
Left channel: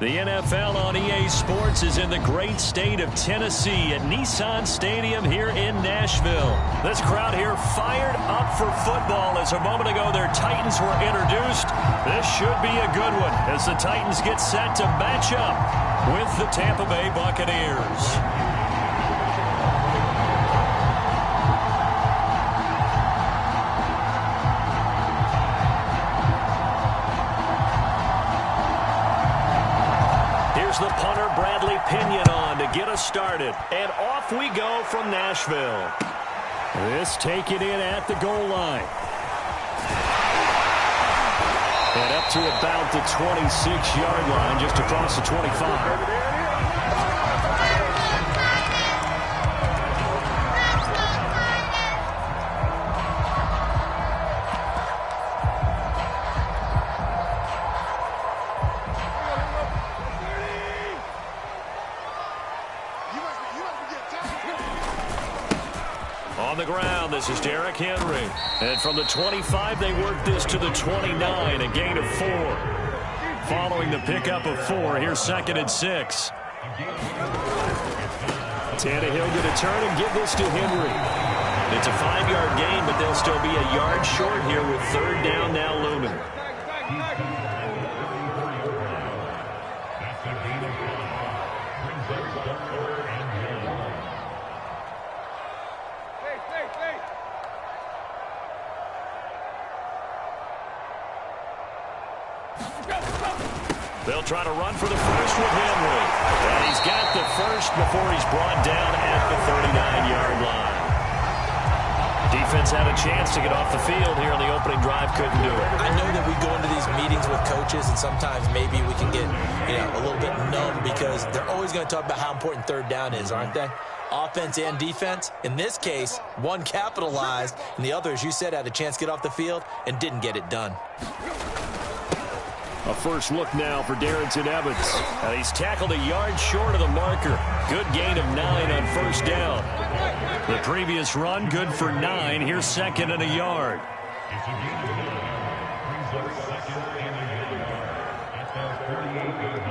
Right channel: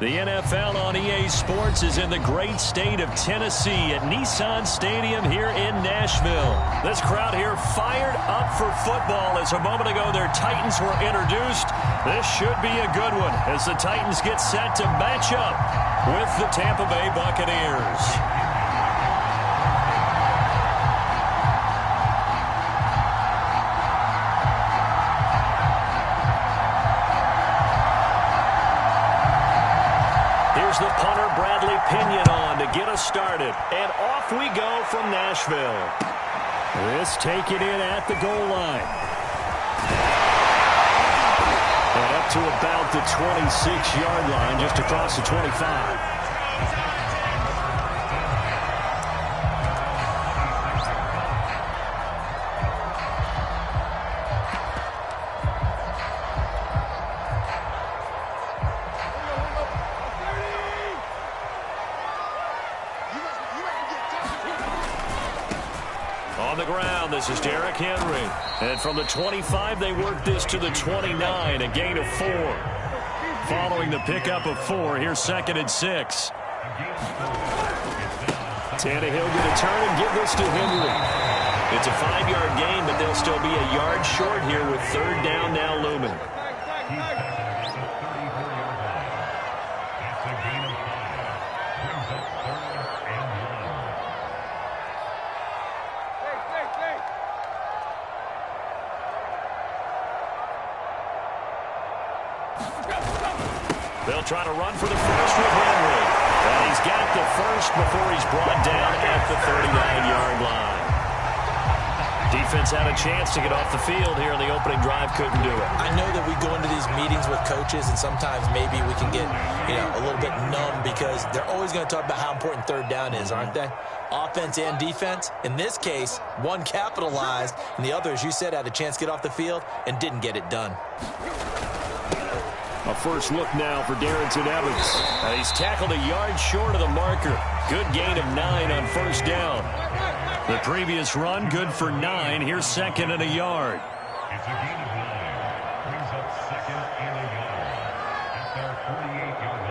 The NFL on EA Sports is in the great state of Tennessee at Nissan Stadium here in Nashville. This crowd here fired up for football as a moment ago their Titans were introduced. This should be a good one as the Titans get set to match up with the Tampa Bay Buccaneers. The punter Bradley Pinion on to get us started. And off we go from Nashville. This taken in at the goal line. And up to about the 26-yard line, just across the 25. On the ground, this is Derrick Henry. And from the 25, they work this to the 29, a gain of 4. Following the pickup of 4, here's 2nd and 6. Tannehill going to turn and give this to Henry. It's a 5-yard gain, but they'll still be a yard short here with 3rd down now looming. They'll try to run for the first with Henry. And he's got the first before he's brought down at the 39-yard line. Defense had a chance to get off the field here on the opening drive, couldn't do it. I know that we go into these meetings with coaches, and sometimes maybe we can get, a little bit numb because they're always going to talk about how important 3rd down is, aren't they? Offense and defense. In this case, one capitalized, and the other, as you said, had a chance to get off the field and didn't get it done. A first look now for Darrington Evans. He's tackled a yard short of the marker. Good gain of 9 on 1st down. The previous run, good for 9. Here's 2nd and a yard. It's a gain of 9. Brings up 2nd and a yard at their 48-yard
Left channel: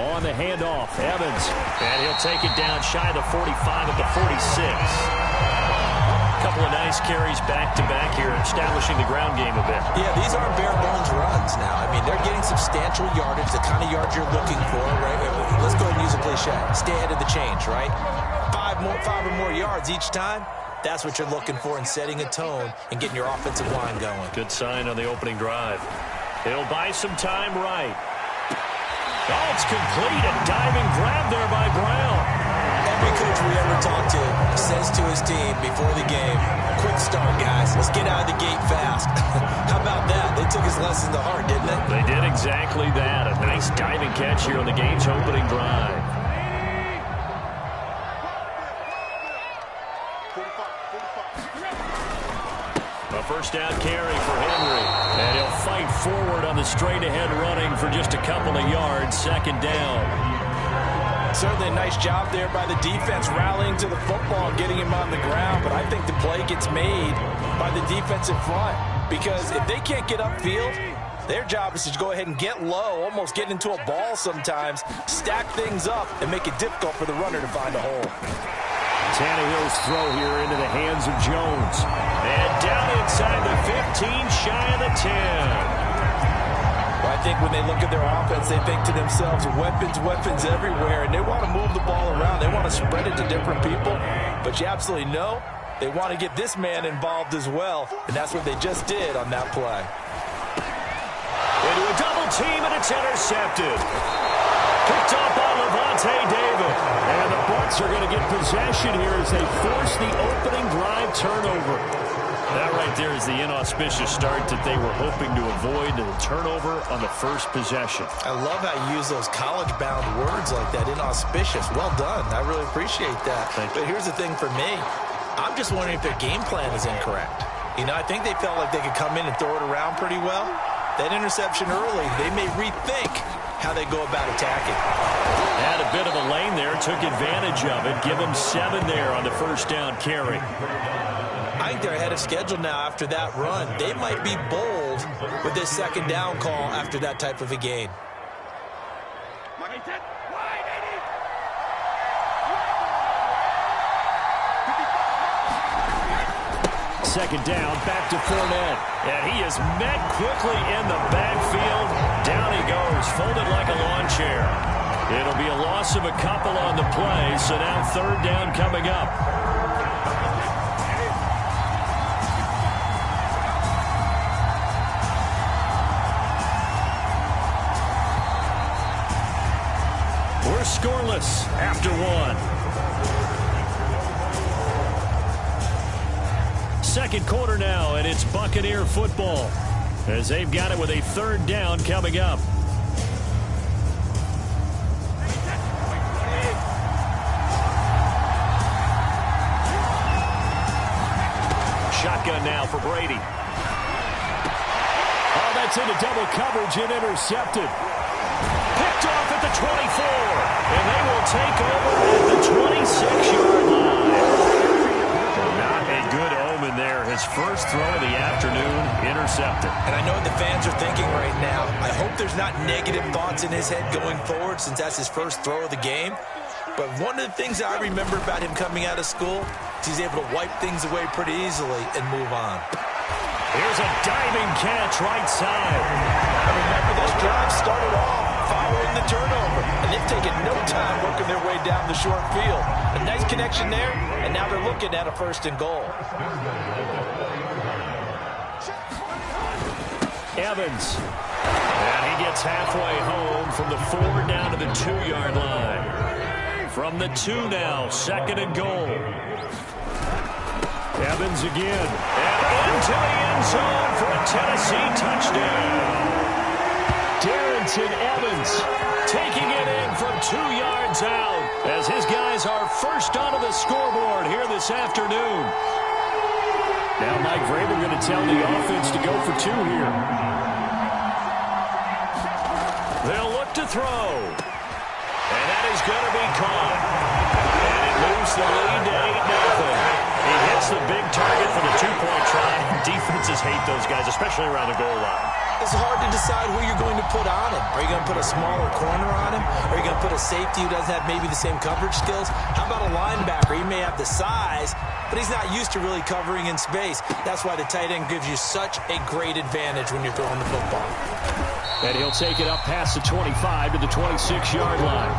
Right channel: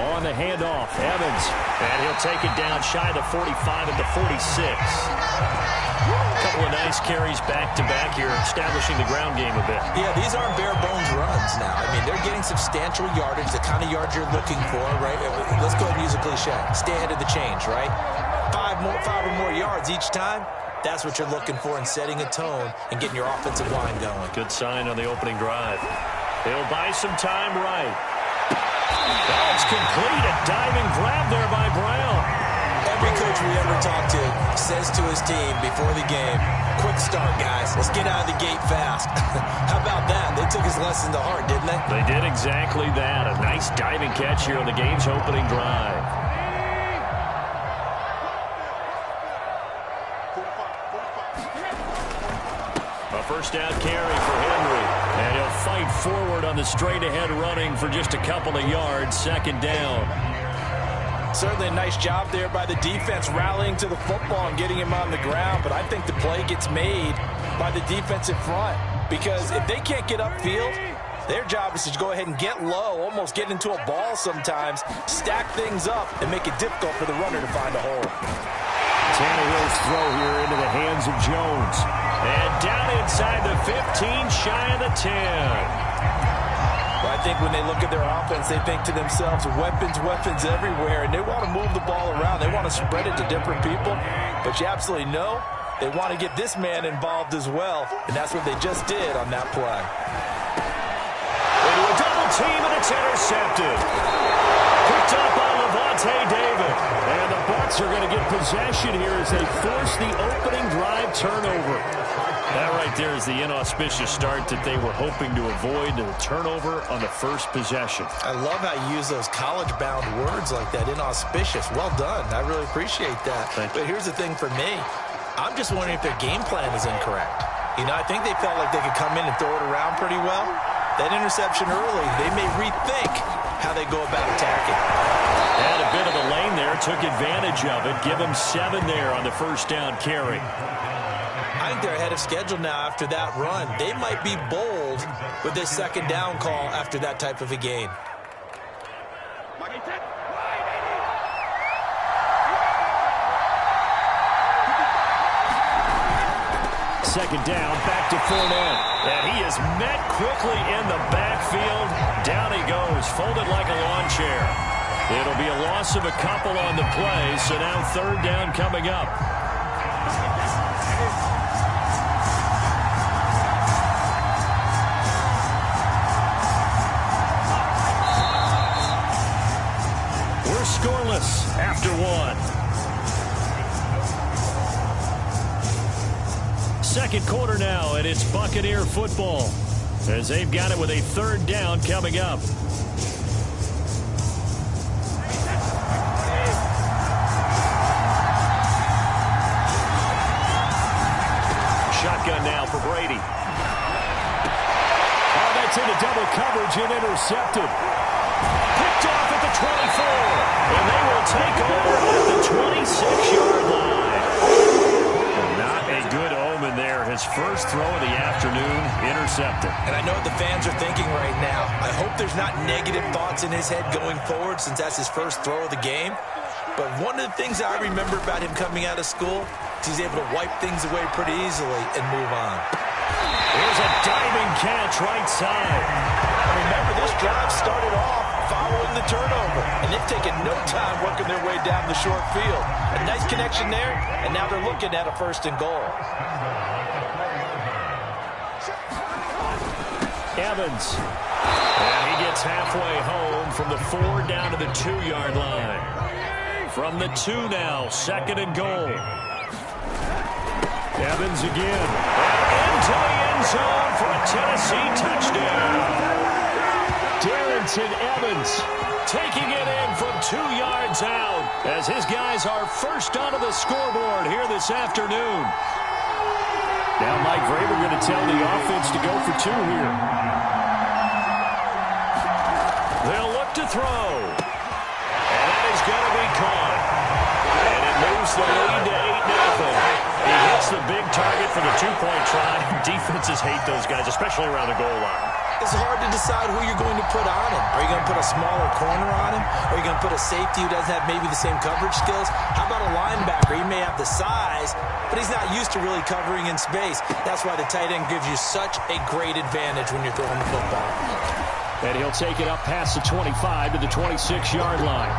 line. On the handoff, Evans. And he'll take it down shy of the 45 at the 46. Couple of nice carries back-to-back here, establishing the ground game a bit. Yeah, these aren't bare-bones runs now. I mean, they're getting substantial yardage, the kind of yards you're looking for, right? Let's go ahead and use a cliche. Stay ahead of the change, right? 5 or more yards each time. That's what you're looking for in setting a tone and getting your offensive line going. Good sign on the opening drive. He'll buy some time right. Oh, it's complete. A diving grab there by Brown. Every coach we ever talk to says to his team before the game, quick start, guys. Let's get out of the gate fast. How about that? They took his lesson to heart, didn't they? They did exactly that. A nice diving catch here on the game's opening drive. A first down carry for Henry. And he'll fight forward on the straight-ahead running for just a couple of yards. 2nd down. Certainly a nice job there by the defense rallying to the football and getting him on the ground. But I think the play gets made by the defensive front because if they can't get upfield, their job is to go ahead and get low, almost get into a ball sometimes, stack things up, and make it difficult for the runner to find a hole. Tannehill's throw here into the hands of Jones. And down inside the 15, shy of the 10. Well, I think when they look at their offense, they think to themselves, weapons everywhere, and they want to move the ball around. They want to spread it to different people, but you absolutely know they want to get this man involved as well, and that's what they just did on that play. Into a double team, and it's intercepted. Picked up by Levante David, and the Bucs are going to get possession here as they force the opening drive turnover. That right there is the inauspicious start that they were hoping to avoid, the turnover on the first possession. I love how you use those college-bound words like that, inauspicious. Well done. I really appreciate that. But here's the thing for me. I'm just wondering if their game plan is incorrect. I think they felt like they could come in and throw it around pretty well. That interception early, they may rethink how they go about attacking. Had a bit of a lane there, took advantage of it. Give them 7 there on the first down carry. I think they're ahead of schedule now after that run. They might be bold with this second down call after that type of a gain. Second down, back to Fournette. And he is met quickly in the backfield. Down he goes, folded like a lawn chair. It'll be a loss of a couple on the play, so now third down coming up. We're scoreless after one. Second quarter now, and it's Buccaneer football as they've got it with a third down coming up. Shotgun now for Brady. Oh, that's into double coverage and intercepted. Picked off at the 24, and they will take over at the 26-yard line. Not a good omen there. His first throw of the afternoon intercepted. And I know what the fans are thinking right now. I hope there's not negative thoughts in his head going forward since that's his first throw of the game. But one of the things I remember about him coming out of school is he's able to wipe things away pretty easily and move on. Here's a diving catch right side. Remember, this drive started off following the turnover, and they've taken no time working their way down the short field. A nice connection there, and now they're looking at a first and goal. Evans. And he gets halfway home from the 4 down to the 2-yard line. From the 2 now, second and goal. Evans again. And into the end zone for a Tennessee touchdown. Darrington Evans taking it in from 2 yards out as his guys are first onto the scoreboard here this afternoon. Now Mike Vrabel going to tell the offense to go for 2 here. They'll look to throw. And that is going to be caught. And it moves the lead to 8-0. He hits the big target for the 2-point try. Defenses hate those guys, especially around the goal line. It's hard to decide who you're going to put on him. Are you going to put a smaller corner on him? Are you going to put a safety who doesn't have maybe the same coverage skills? How about a linebacker? He may have the size, but he's not used to really covering in space. That's why the tight end gives you such a great advantage when you're throwing the football. And he'll take it up past the 25 to the 26-yard line.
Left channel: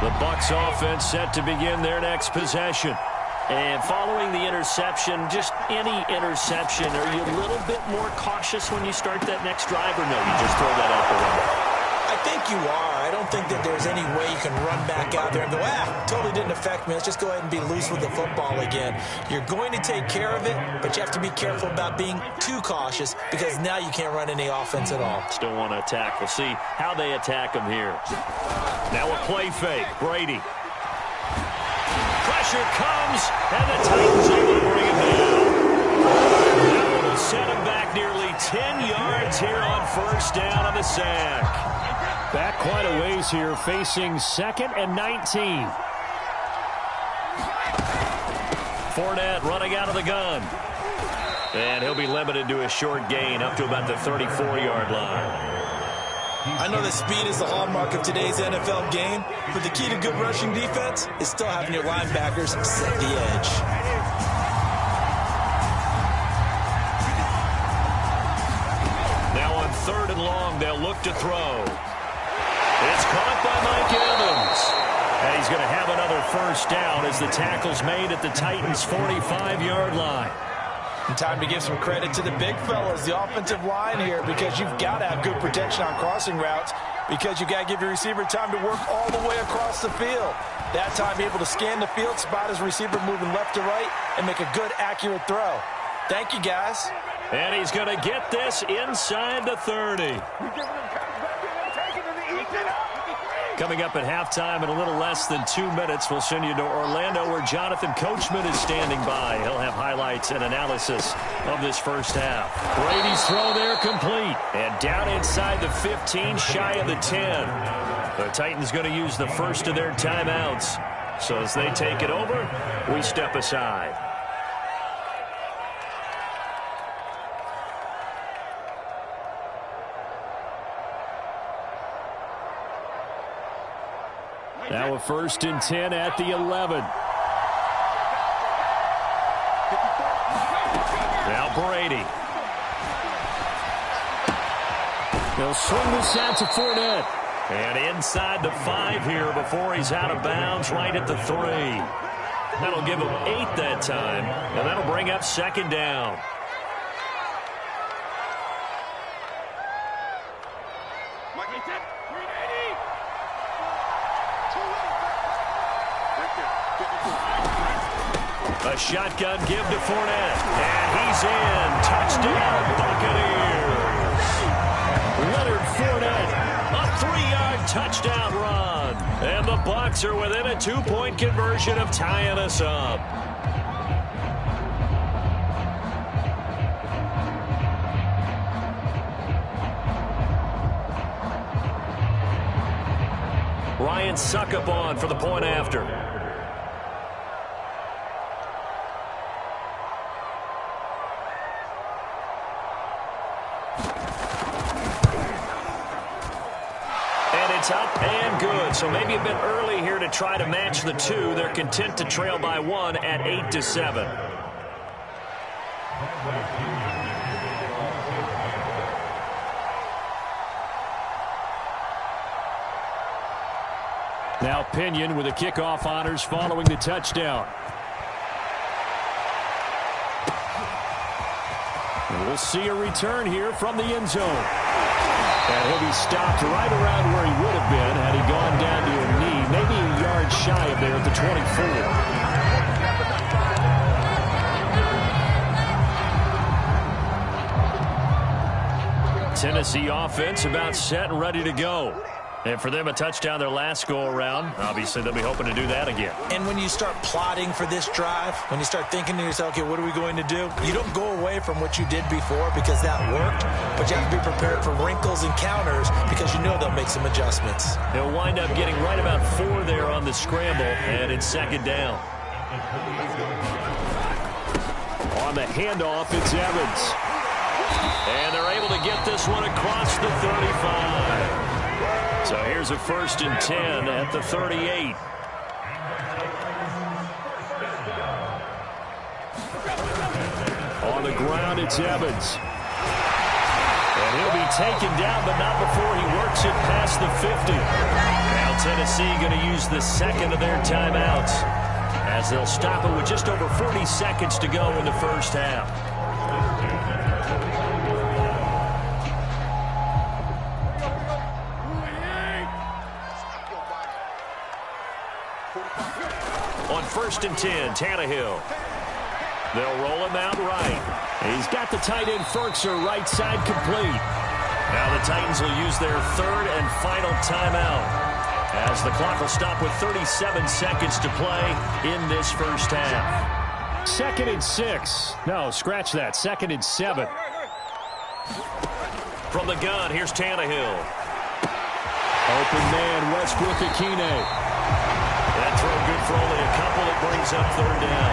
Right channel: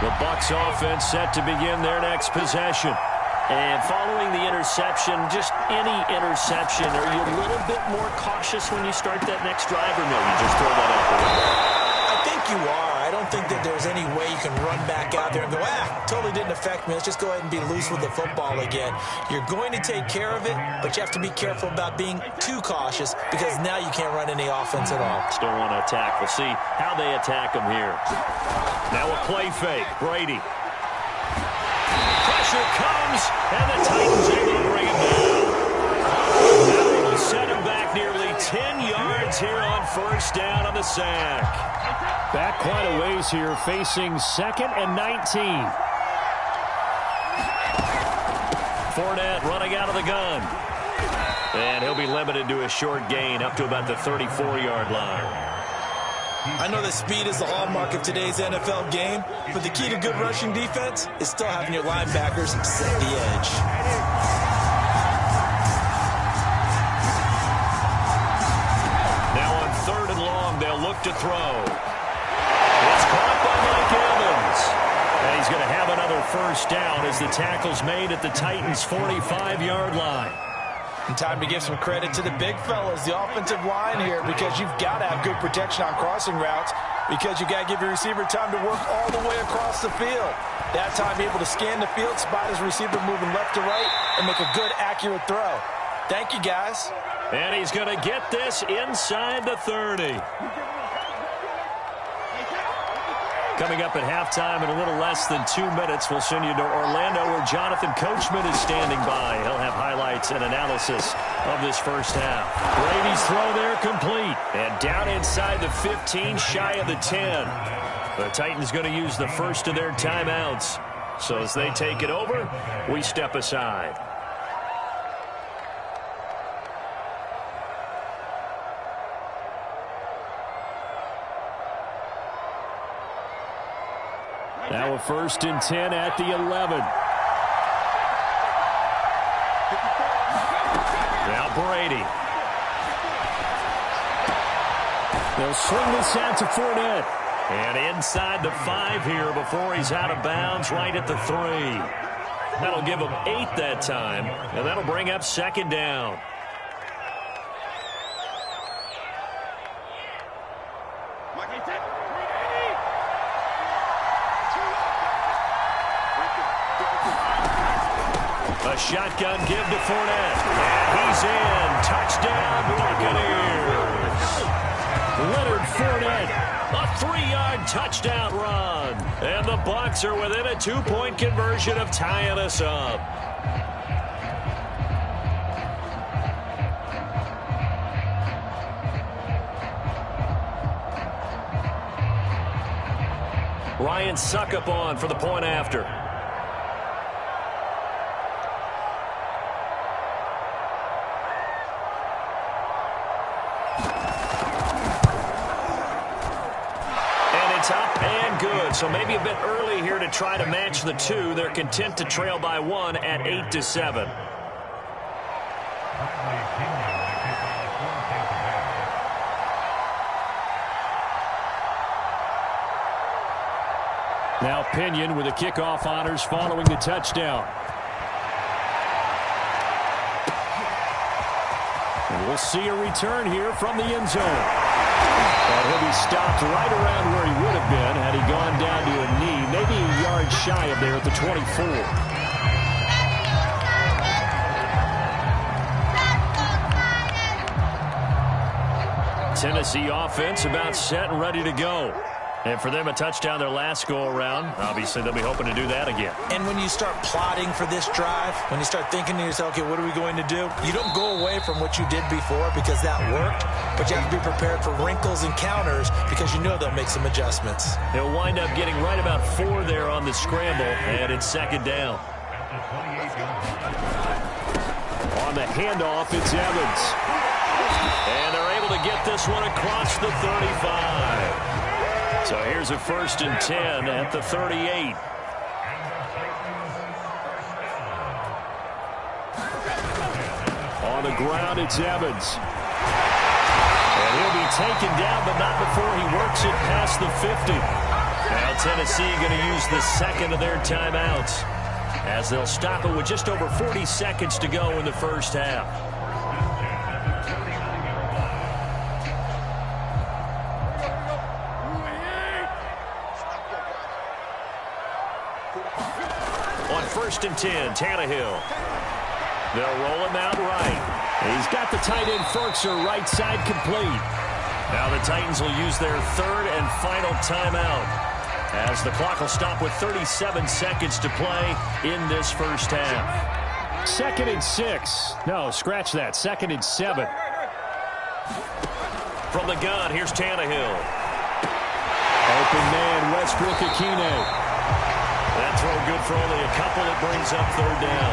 The Bucs offense set to begin their next possession. And following the interception, just any interception, are you a little bit more cautious when you start that next drive, or no, you just throw that out the window? I think you are. I don't think that there's any way you can run back out there and go, totally didn't affect me. Let's just go ahead and be loose with the football again. You're going to take care of it, but you have to be careful about being too cautious because now you can't run any offense at all. Still want to attack. We'll see how they attack them here. Now a play fake. Brady. Pressure comes, and the Titans able to bring him down. That one will set him back nearly 10 yards here on first down on the sack. Back quite a ways here, facing 2nd and 19. Fournette running out of the gun. And he'll be limited to a short gain up to about the 34-yard line. I know that speed is the hallmark of today's NFL game, but the key to good rushing defense is still having your linebackers set the edge. Now on 3rd and long, they'll look to throw. It's caught by Mike Evans. And he's going to have another first down as the tackle's made at the Titans' 45-yard line. And time to give some credit to the big fellas, the offensive line here, because you've got to have good protection on crossing routes because you've got to give your receiver time to work all the way across the field. That time, be able to scan the field, spot his receiver moving left to right, and make a good, accurate throw. Thank you, guys. And he's going to get this inside the 30. Coming up at halftime in a little less than 2 minutes, we'll send you to Orlando where Jonathan Coachman is standing by. He'll have highlights and analysis of this first half. Brady's throw there complete. And down inside the 15, shy of the 10. The Titans going to use the first of their timeouts. So as they take it over, we step aside. Now a 1st and 10 at the 11. Now Brady. They'll swing this out to Fournette. And inside the 5 here before he's out of bounds, right at the 3. That'll give him 8 that time, and that'll bring up 2nd down. A shotgun give to Fournette, and he's in. Touchdown, Buccaneers. Leonard Fournette. A 3-yard touchdown run. And the Bucs are within a 2-point conversion of tying us up. Ryan Suckup on for the point after. It's up and good, so maybe a bit early here to try to match the 2. They're content to trail by 1 at 8-7. Now Pinion with the kickoff honors following the touchdown. And we'll see a return here from the end zone. And he'll be stopped right around where he would have been had he gone down to a knee, maybe a yard shy of there at the 24. Tennessee offense about set and ready to go. And for them, a touchdown their last go-around. Obviously, they'll be hoping to do that again. And when you start plotting for this drive, when you start thinking to yourself, okay, what are we going to do? You don't go away from what you did before because that worked, but you have to be prepared for wrinkles and counters because you know they'll make some adjustments. They'll wind up getting right about 4 there on the scramble, and it's 2nd down. On the handoff, it's Evans. And they're able to get this one across the 35. So here's a 1st and 10 at the 38. On the ground, it's Evans. And he'll be taken down, but not before he works it past the 50. Now Tennessee going to use the 2nd of their timeouts as they'll stop it with just over 40 seconds to go in the first half. On 1st and 10, Tannehill. They'll roll him out right. He's got the tight end Ferkser right side complete. Now the Titans will use their 3rd and final timeout as the clock will stop with 37 seconds to play in this first half. 2nd and 6. No, scratch that. 2nd and 7. From the gun, here's Tannehill. Open man, Westbrook-Ikhine. That throw good for only a couple. It brings up 3rd down.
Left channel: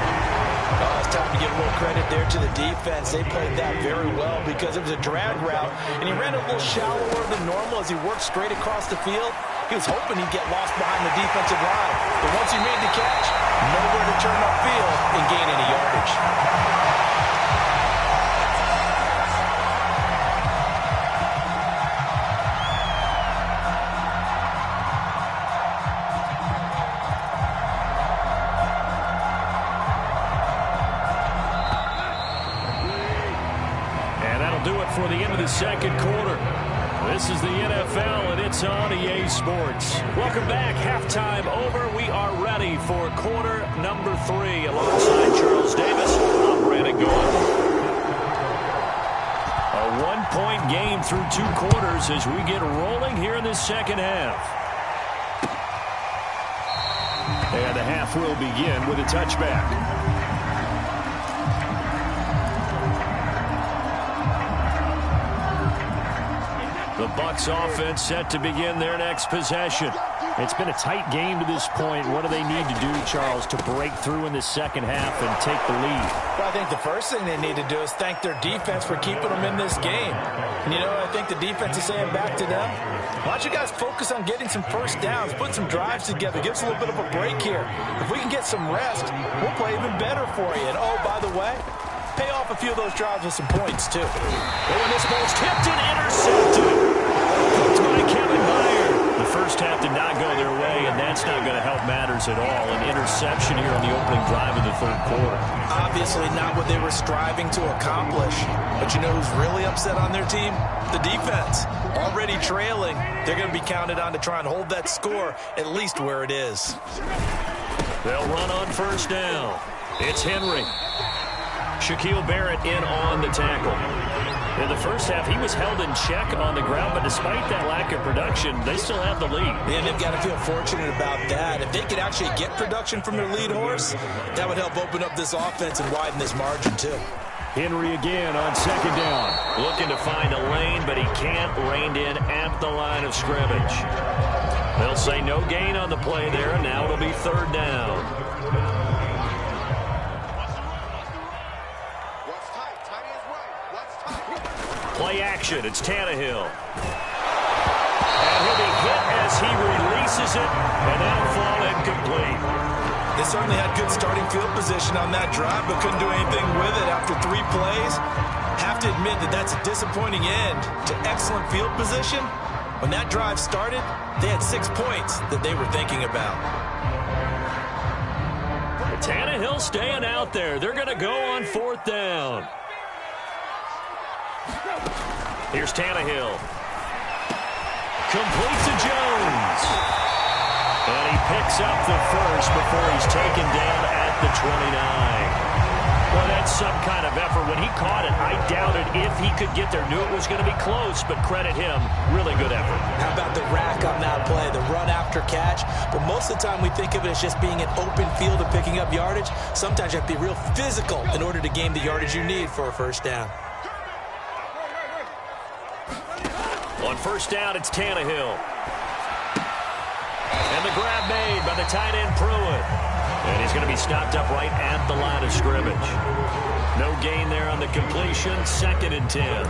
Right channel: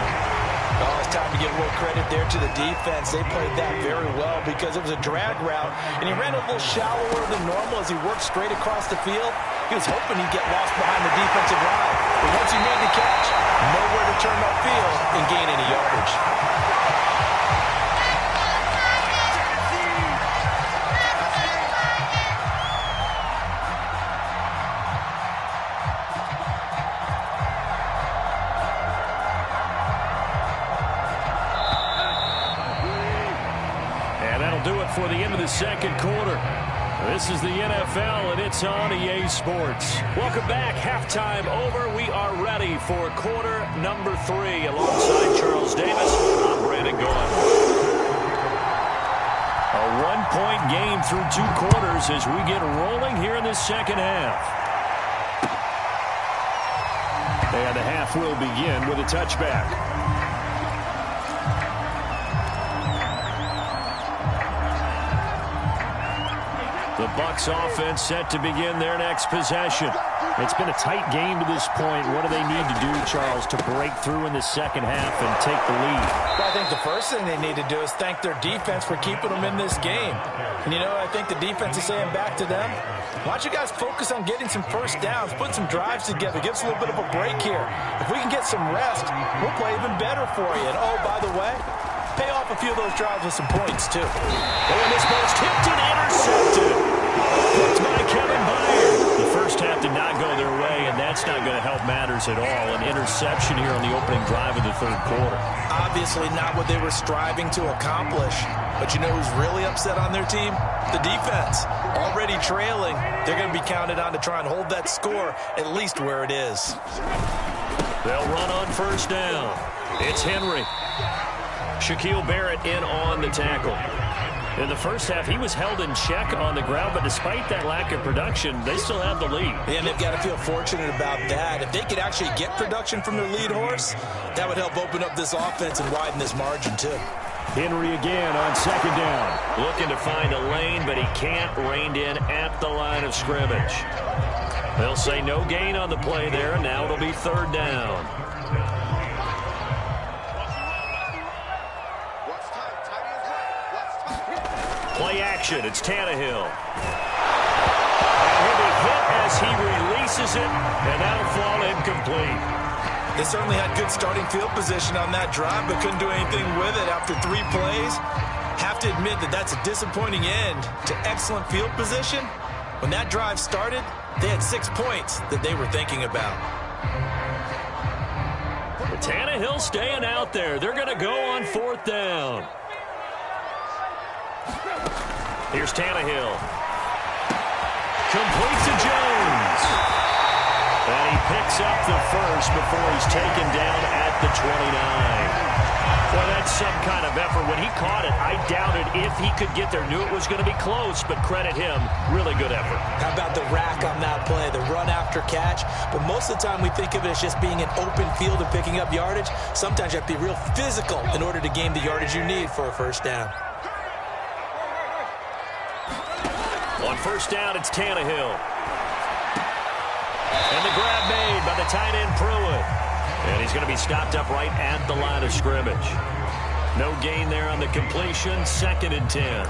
Oh, it's time to give a little credit there to the defense. They played that very well because it was a drag route, and he ran a little shallower than normal as he worked straight across the field. He was hoping he'd get lost behind the defensive line. But once he made the catch, nowhere to turn upfield and gain any yardage. Do it for the end of the 2nd quarter. This is the NFL, and it's on EA Sports. Welcome back. Halftime over. We are ready for quarter number 3. Alongside Charles Davis, I'm Brandon Gaudin. A 1-point game through 2 quarters as we get rolling here in this 2nd half. And the half will begin with a touchback. The Bucs offense set to begin their next possession. It's been a tight game to this point. What do they need to do, Charles, to break through in the second half and take the lead? Well, I think the first thing they need to do is thank their defense for keeping them in this game. And, you know, I think the defense is saying back to them, why don't you guys focus on getting some first downs, putting some drives together, give us a little bit of a break here. If we can get some rest, we'll play even better for you. And, oh, by the way, pay off a few of those drives with some points, too. Oh, and this ball's tipped and intercepted. Picked by Kevin Byard. The first half did not go their way, and that's not going to help matters at all. An interception here on the opening drive of the third quarter. Obviously not what they were striving to accomplish. But you know who's really upset on their team? The defense. Already trailing. They're going to be counted on to try and hold that score at least where it is. They'll run on first down. It's Henry. Shaquille Barrett in on the tackle. In the first half, he was held in check on the ground, but despite that lack of production, they still have the lead. And they've got to feel fortunate about that. If they could actually get production from their lead horse, that would help open up this offense and widen this margin, too. Henry again on second down. Looking to find a lane, but he can't. Reined in at the line of scrimmage. They'll say no gain on the play there, and now it'll be third down. Play action. It's Tannehill. And he'll be hit as he releases it, and that'll fall incomplete. They certainly had good starting field position on that drive, but couldn't do anything with it after 3 plays. Have to admit that that's a disappointing end to excellent field position. When that drive started, they had 6 points that they were thinking about. Tannehill staying out there. They're going to go on fourth down. Here's Tannehill. Complete to Jones. And he picks up the first before he's taken down at the 29. Boy, that's some kind of effort. When he caught it, I doubted if he could get there. Knew it was going to be close, but credit him. Really good effort. How about the rack on that play, the run after catch? But most of the time we think of it as just being an open field and picking up yardage. Sometimes you have to be real physical in order to gain the yardage you need for a first down. On first down, it's Tannehill. And the grab made by the tight end Pruitt. And he's going to be stopped up right at the line of scrimmage. No gain there on the completion. 2nd and 10.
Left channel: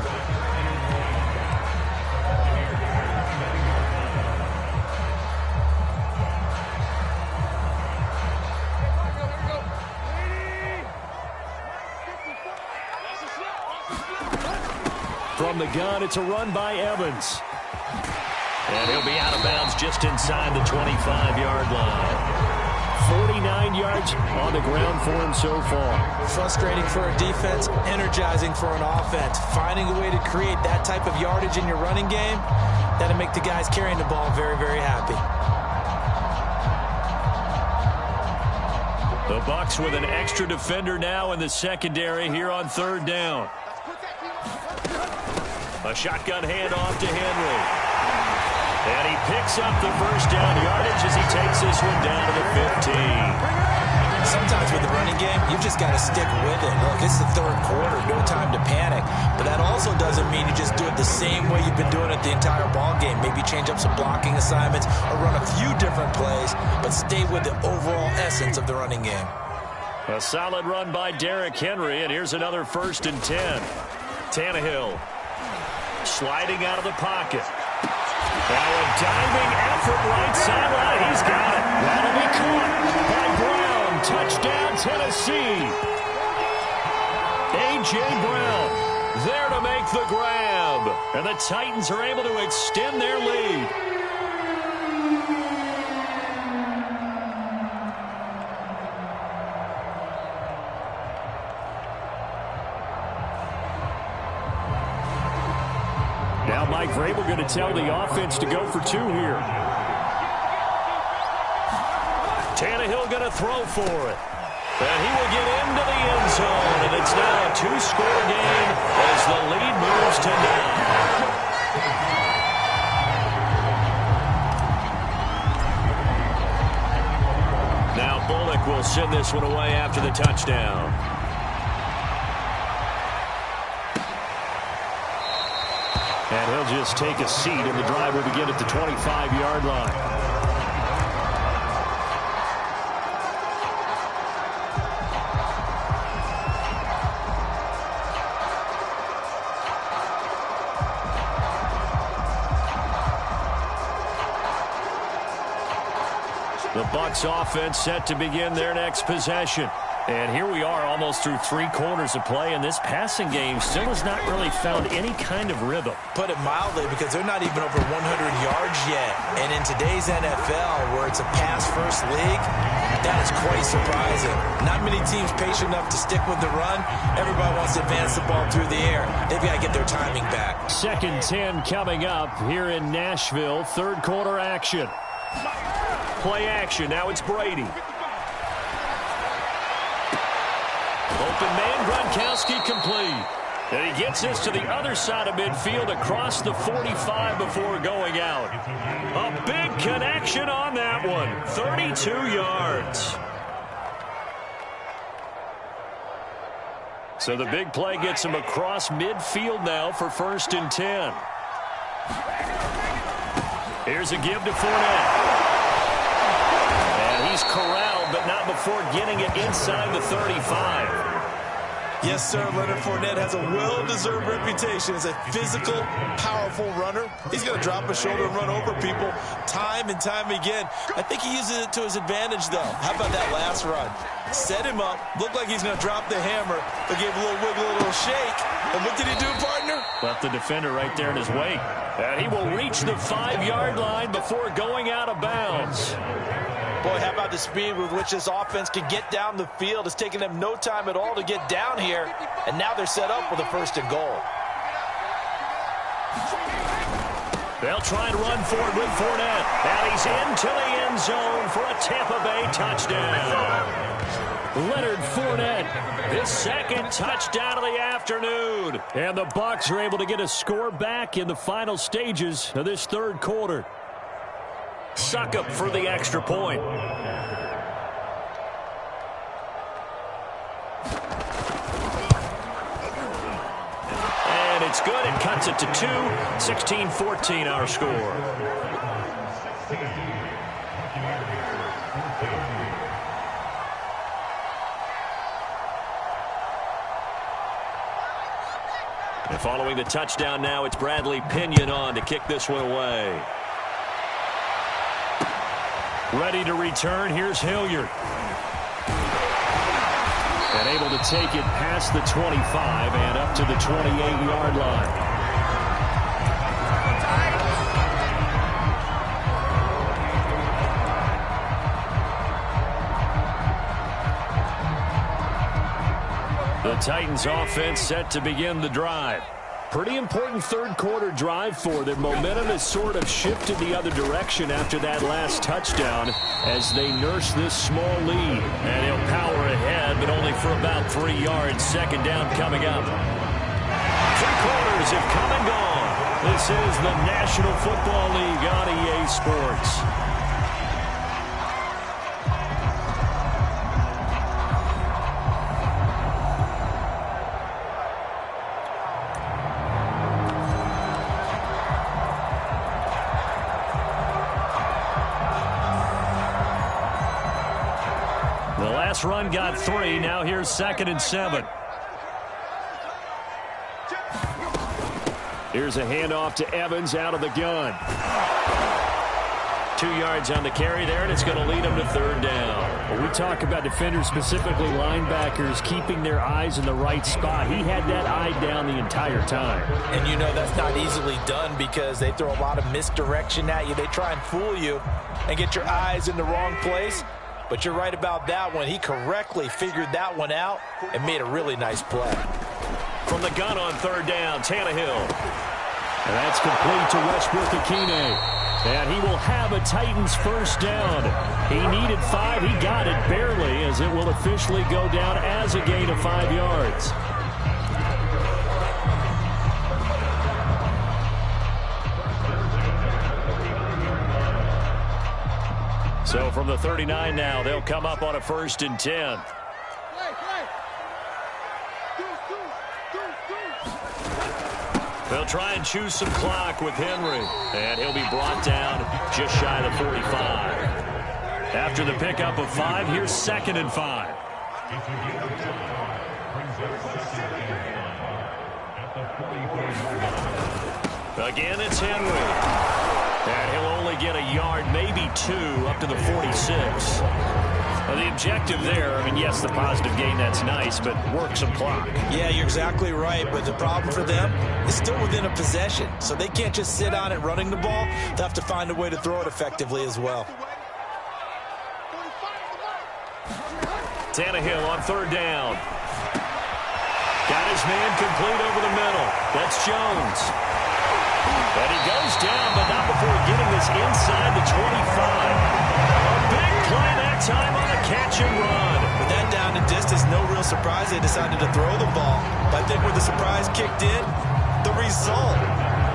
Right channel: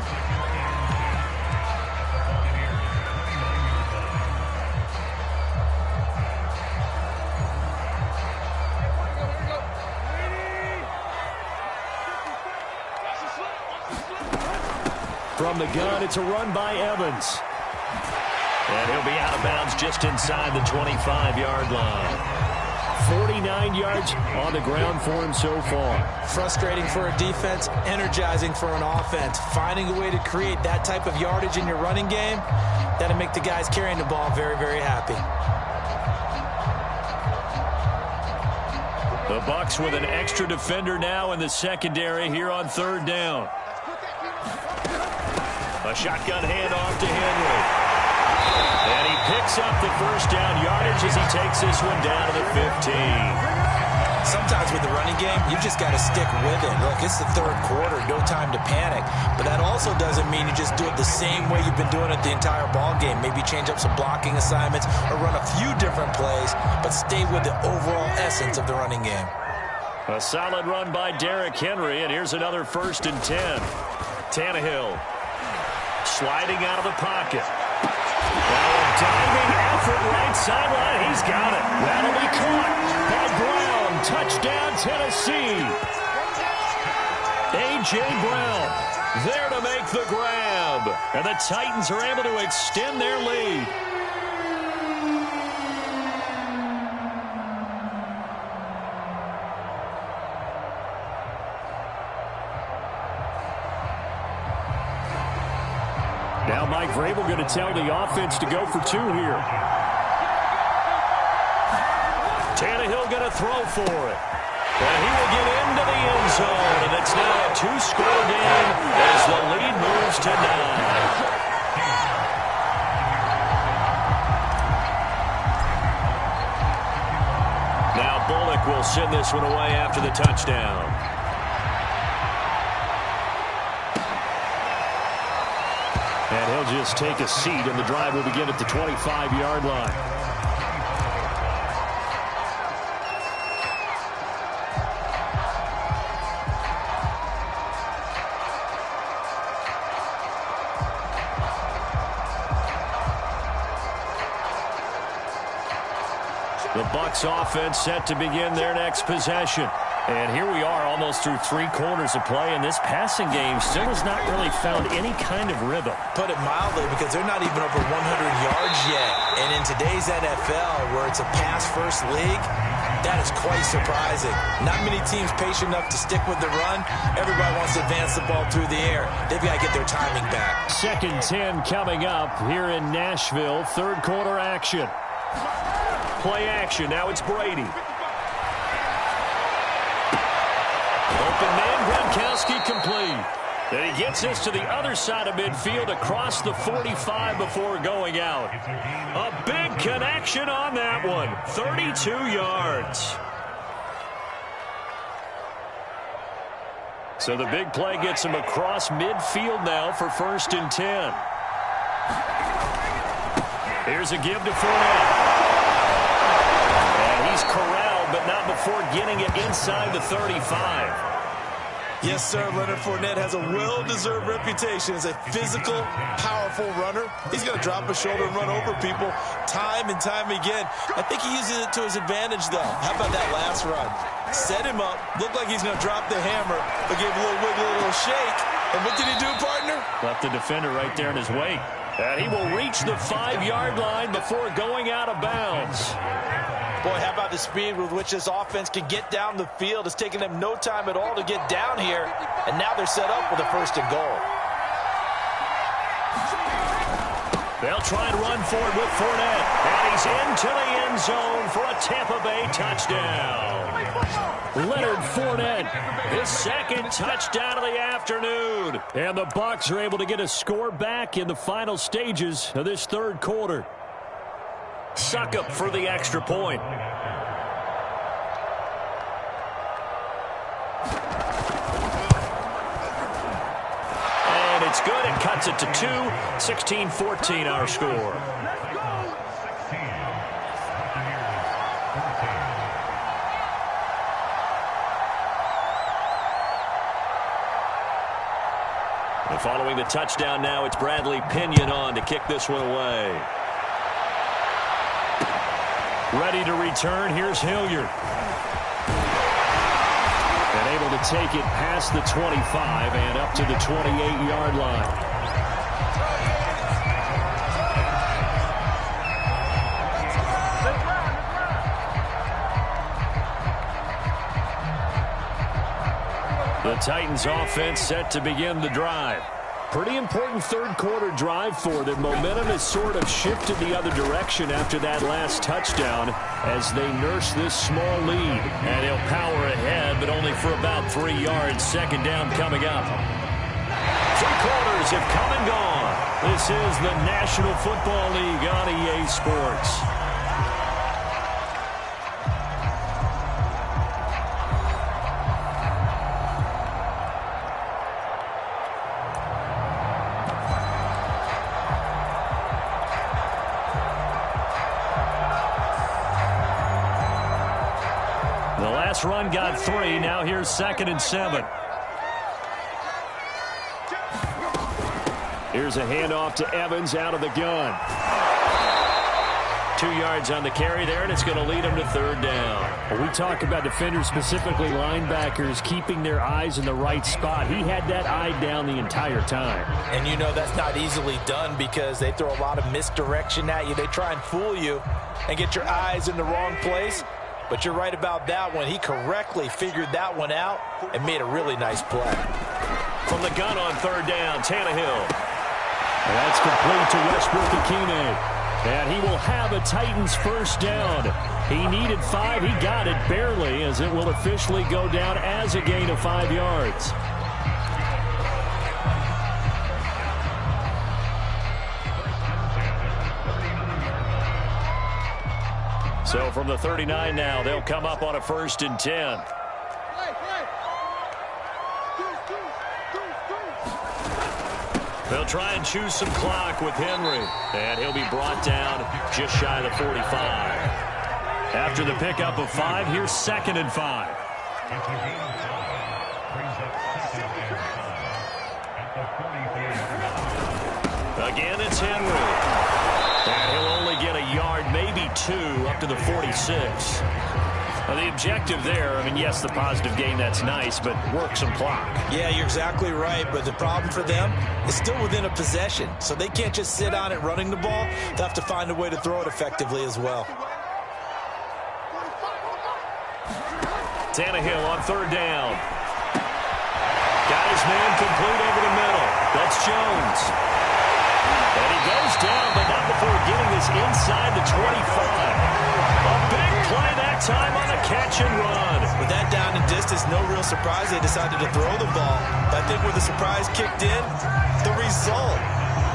From the gun, it's a run by Evans. And he'll be out of bounds just inside the 25-yard line. 49 yards on the ground for him so far. Frustrating for a defense, energizing for an offense. Finding a way to create that type of yardage in your running game, that'll make the guys carrying the ball very, very happy. The Bucs with an extra defender now in the secondary here on third down. A shotgun handoff to Henry. And he picks up the first down yardage as he takes this one down to the 15. Sometimes with the running game, you've just got to stick with it. Look, it's the third quarter, no time to panic. But that also doesn't mean you just do it the same way you've been doing it the entire ball game. Maybe change up some blocking assignments or run a few different plays, but stay with the overall essence of the running game. A solid run by Derrick Henry, and here's another 1st and 10. Tannehill sliding out of the pocket. Now a diving effort right sideline. He's got it. That'll be caught by Brown. Touchdown, Tennessee. A.J. Brown there to make the grab. And the Titans are able to extend their lead. Now Mike Vrabel going to tell the offense to go for 2 here. Tannehill going to throw for it. And he will get into the end zone. And it's now a 2-score game as the lead moves to 9. Now Bullock will send this one away after the touchdown. And he'll just take a seat, and the drive will begin at the 25-yard line. The Bucs offense set to begin their next possession. And here we are almost through 3 quarters of play, and this passing game still has not really found any kind of rhythm. Put it mildly, because they're not even over 100 yards yet. And in today's NFL, where it's a pass-first league, that is quite surprising. Not many teams patient enough to stick with the run. Everybody wants to advance the ball through the air. They've got to get their timing back. 2nd and 10 coming up here in Nashville. 3rd quarter action. Play action. Now it's Brady. Open man, Gronkowski complete. And he gets this to the other side of midfield across the 45 before going out. A big connection on that one. 32 yards. So the big play gets him across midfield now for 1st and 10. Here's a give to Fournette. And he's corralled, but not before getting it inside the 35. Yes, sir. Leonard Fournette has a well-deserved reputation as a physical, powerful runner. He's going to drop a shoulder and run over people time and time again. I think he uses it to his advantage, though. How about that last run? Set him up. Looked like he's going to drop the hammer, but gave a little wiggle, a little shake. And what did he do, partner? Left the defender right there in his wake. And he will reach the 5-yard line before going out of bounds. Boy, how about the speed with which this offense can get down the field? It's taken them no time at all to get down here, and now they're set up with a 1st and goal. They'll try and run for it with Fournette. And he's into the end zone for a Tampa Bay touchdown. Leonard Fournette, his 2nd touchdown of the afternoon. And the Bucs are able to get a score back in the final stages of this 3rd quarter. Suck up for the extra point. And it's good. It cuts it to 2. 16-14 our score. And following the touchdown now, it's Bradley Pinion on to kick this one away. Ready to return. Here's Hilliard. And able to take it past the 25 and up to the 28-yard line. The Titans offense set to begin the drive. Pretty important 3rd quarter drive for them. Momentum has sort of shifted the other direction after that last touchdown as they nurse this small lead. And he'll power ahead, but only for about 3 yards. 2nd down coming up. 3 quarters have come and gone. This is the National Football League on EA Sports. The last run got 3. Now here's 2nd and 7. Here's a handoff to Evans out of the gun. 2 yards on the carry there, and it's going to lead them to 3rd down. When we talk about defenders, specifically linebackers, keeping their eyes in the right spot, he had that eye down the entire time. And you know that's not easily done because they throw a lot of misdirection at you. They try and fool you and get your eyes in the wrong place. But you're right about that one. He correctly figured that one out and made a really nice play. From the gun on 3rd down, Tannehill. And that's complete to Westbrook-Ikhine. And he will have a Titans 1st down. He needed 5. He got it barely, as it will officially go down as a gain of 5 yards. So from the 39 now, they'll come up on a 1st and 10. They'll try and choose some clock with Henry. And he'll be brought down just shy of the 45. After the pickup of 5, here's 2nd and 5. It's a gain of 5. Brings up 2nd and 5 at the 44. Again, it's Henry. And he'll only get a yard, maybe 2, up to the 46. Well, the objective there, I mean, yes, the positive gain, that's nice, but work some clock. Yeah, you're exactly right, but the problem for them is still within a possession, so they can't just sit on it running the ball. They'll have to find a way to throw it effectively as well. Tannehill on 3rd down. Got his man complete over the middle. That's Jones. And he goes down, but not before getting this inside the 25. A big play that time on a catch and run. With that down and distance, no real surprise they decided to throw the ball. But I think where the surprise kicked in, the result.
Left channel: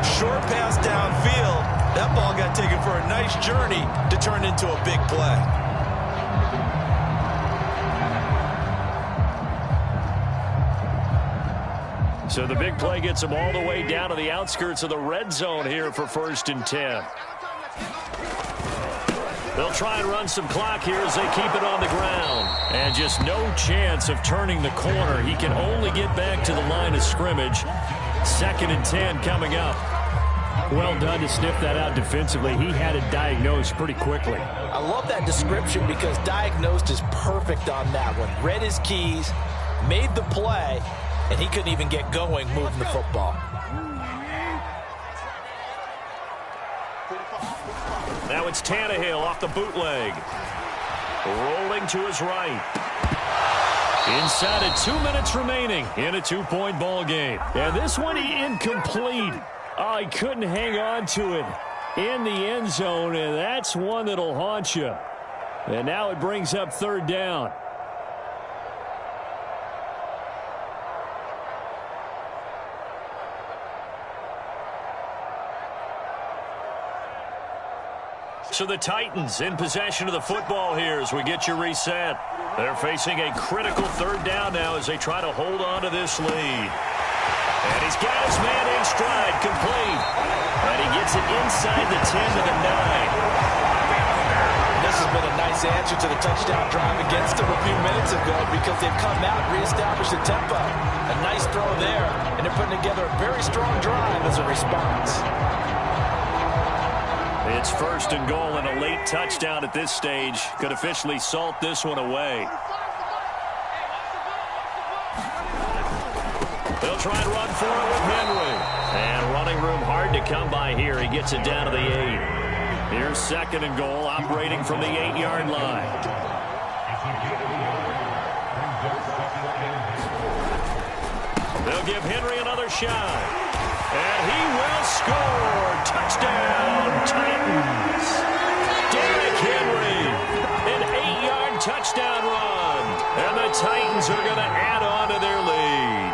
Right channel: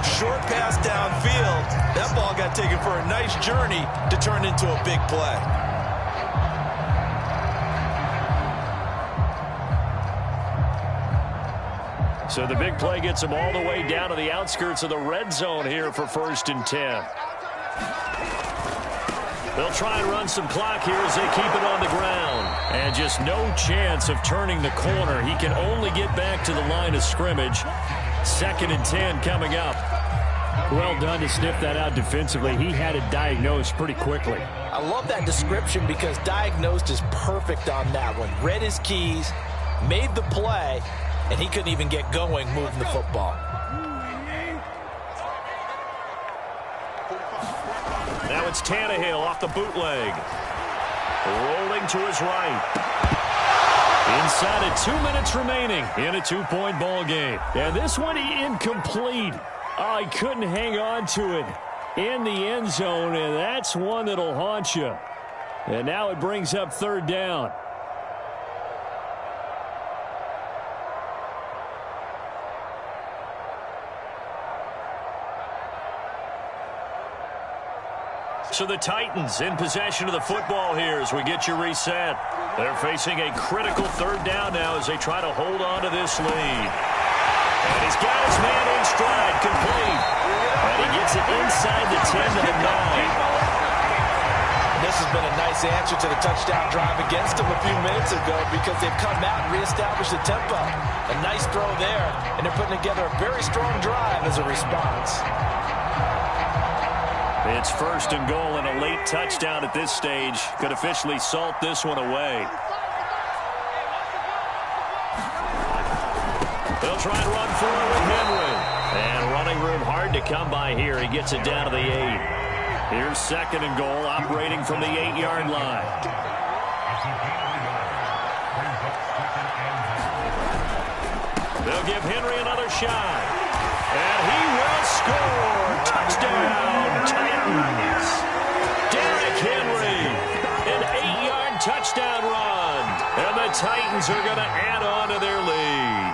Short pass downfield. That ball got taken for a nice journey to turn into a big play. So the big play gets them all the way down to the outskirts of the red zone here for 1st and 10. They'll try and run some clock here as they keep it on the ground. And just no chance of turning the corner. He can only get back to the line of scrimmage. 2nd and 10 coming up. Well done to sniff that out defensively. He had it diagnosed pretty quickly. I love that description because diagnosed is perfect on that one. Read his keys, made the play, and he couldn't even get going moving the football. Now it's Tannehill off the bootleg. Rolling to his right. Inside of 2 minutes remaining in a 2-point ball game. And this one incomplete. Oh, he couldn't hang on to it in the end zone, and that's one that'll haunt you. And now it brings up 3rd down. So the Titans in possession of the football here as we get you reset. They're facing a critical 3rd down now as they try to hold on to this lead. And he's got his man in stride, complete. And he gets it inside the 10 to the 9. This has been a nice answer to the touchdown drive against them a few minutes ago because they've come out and reestablished the tempo. A nice throw there, and they're putting together a very strong drive as a response. It's 1st and goal, and a late touchdown at this stage could officially salt this one away. They'll try and run for it with Henry. And running room hard to come by here. He gets it down to the 8. Here's 2nd and goal, operating from the 8-yard line. They'll give Henry another shot. And he will score. Touchdown, Titans. Derrick Henry, an 8-yard touchdown run. And the Titans are going to add on to their lead.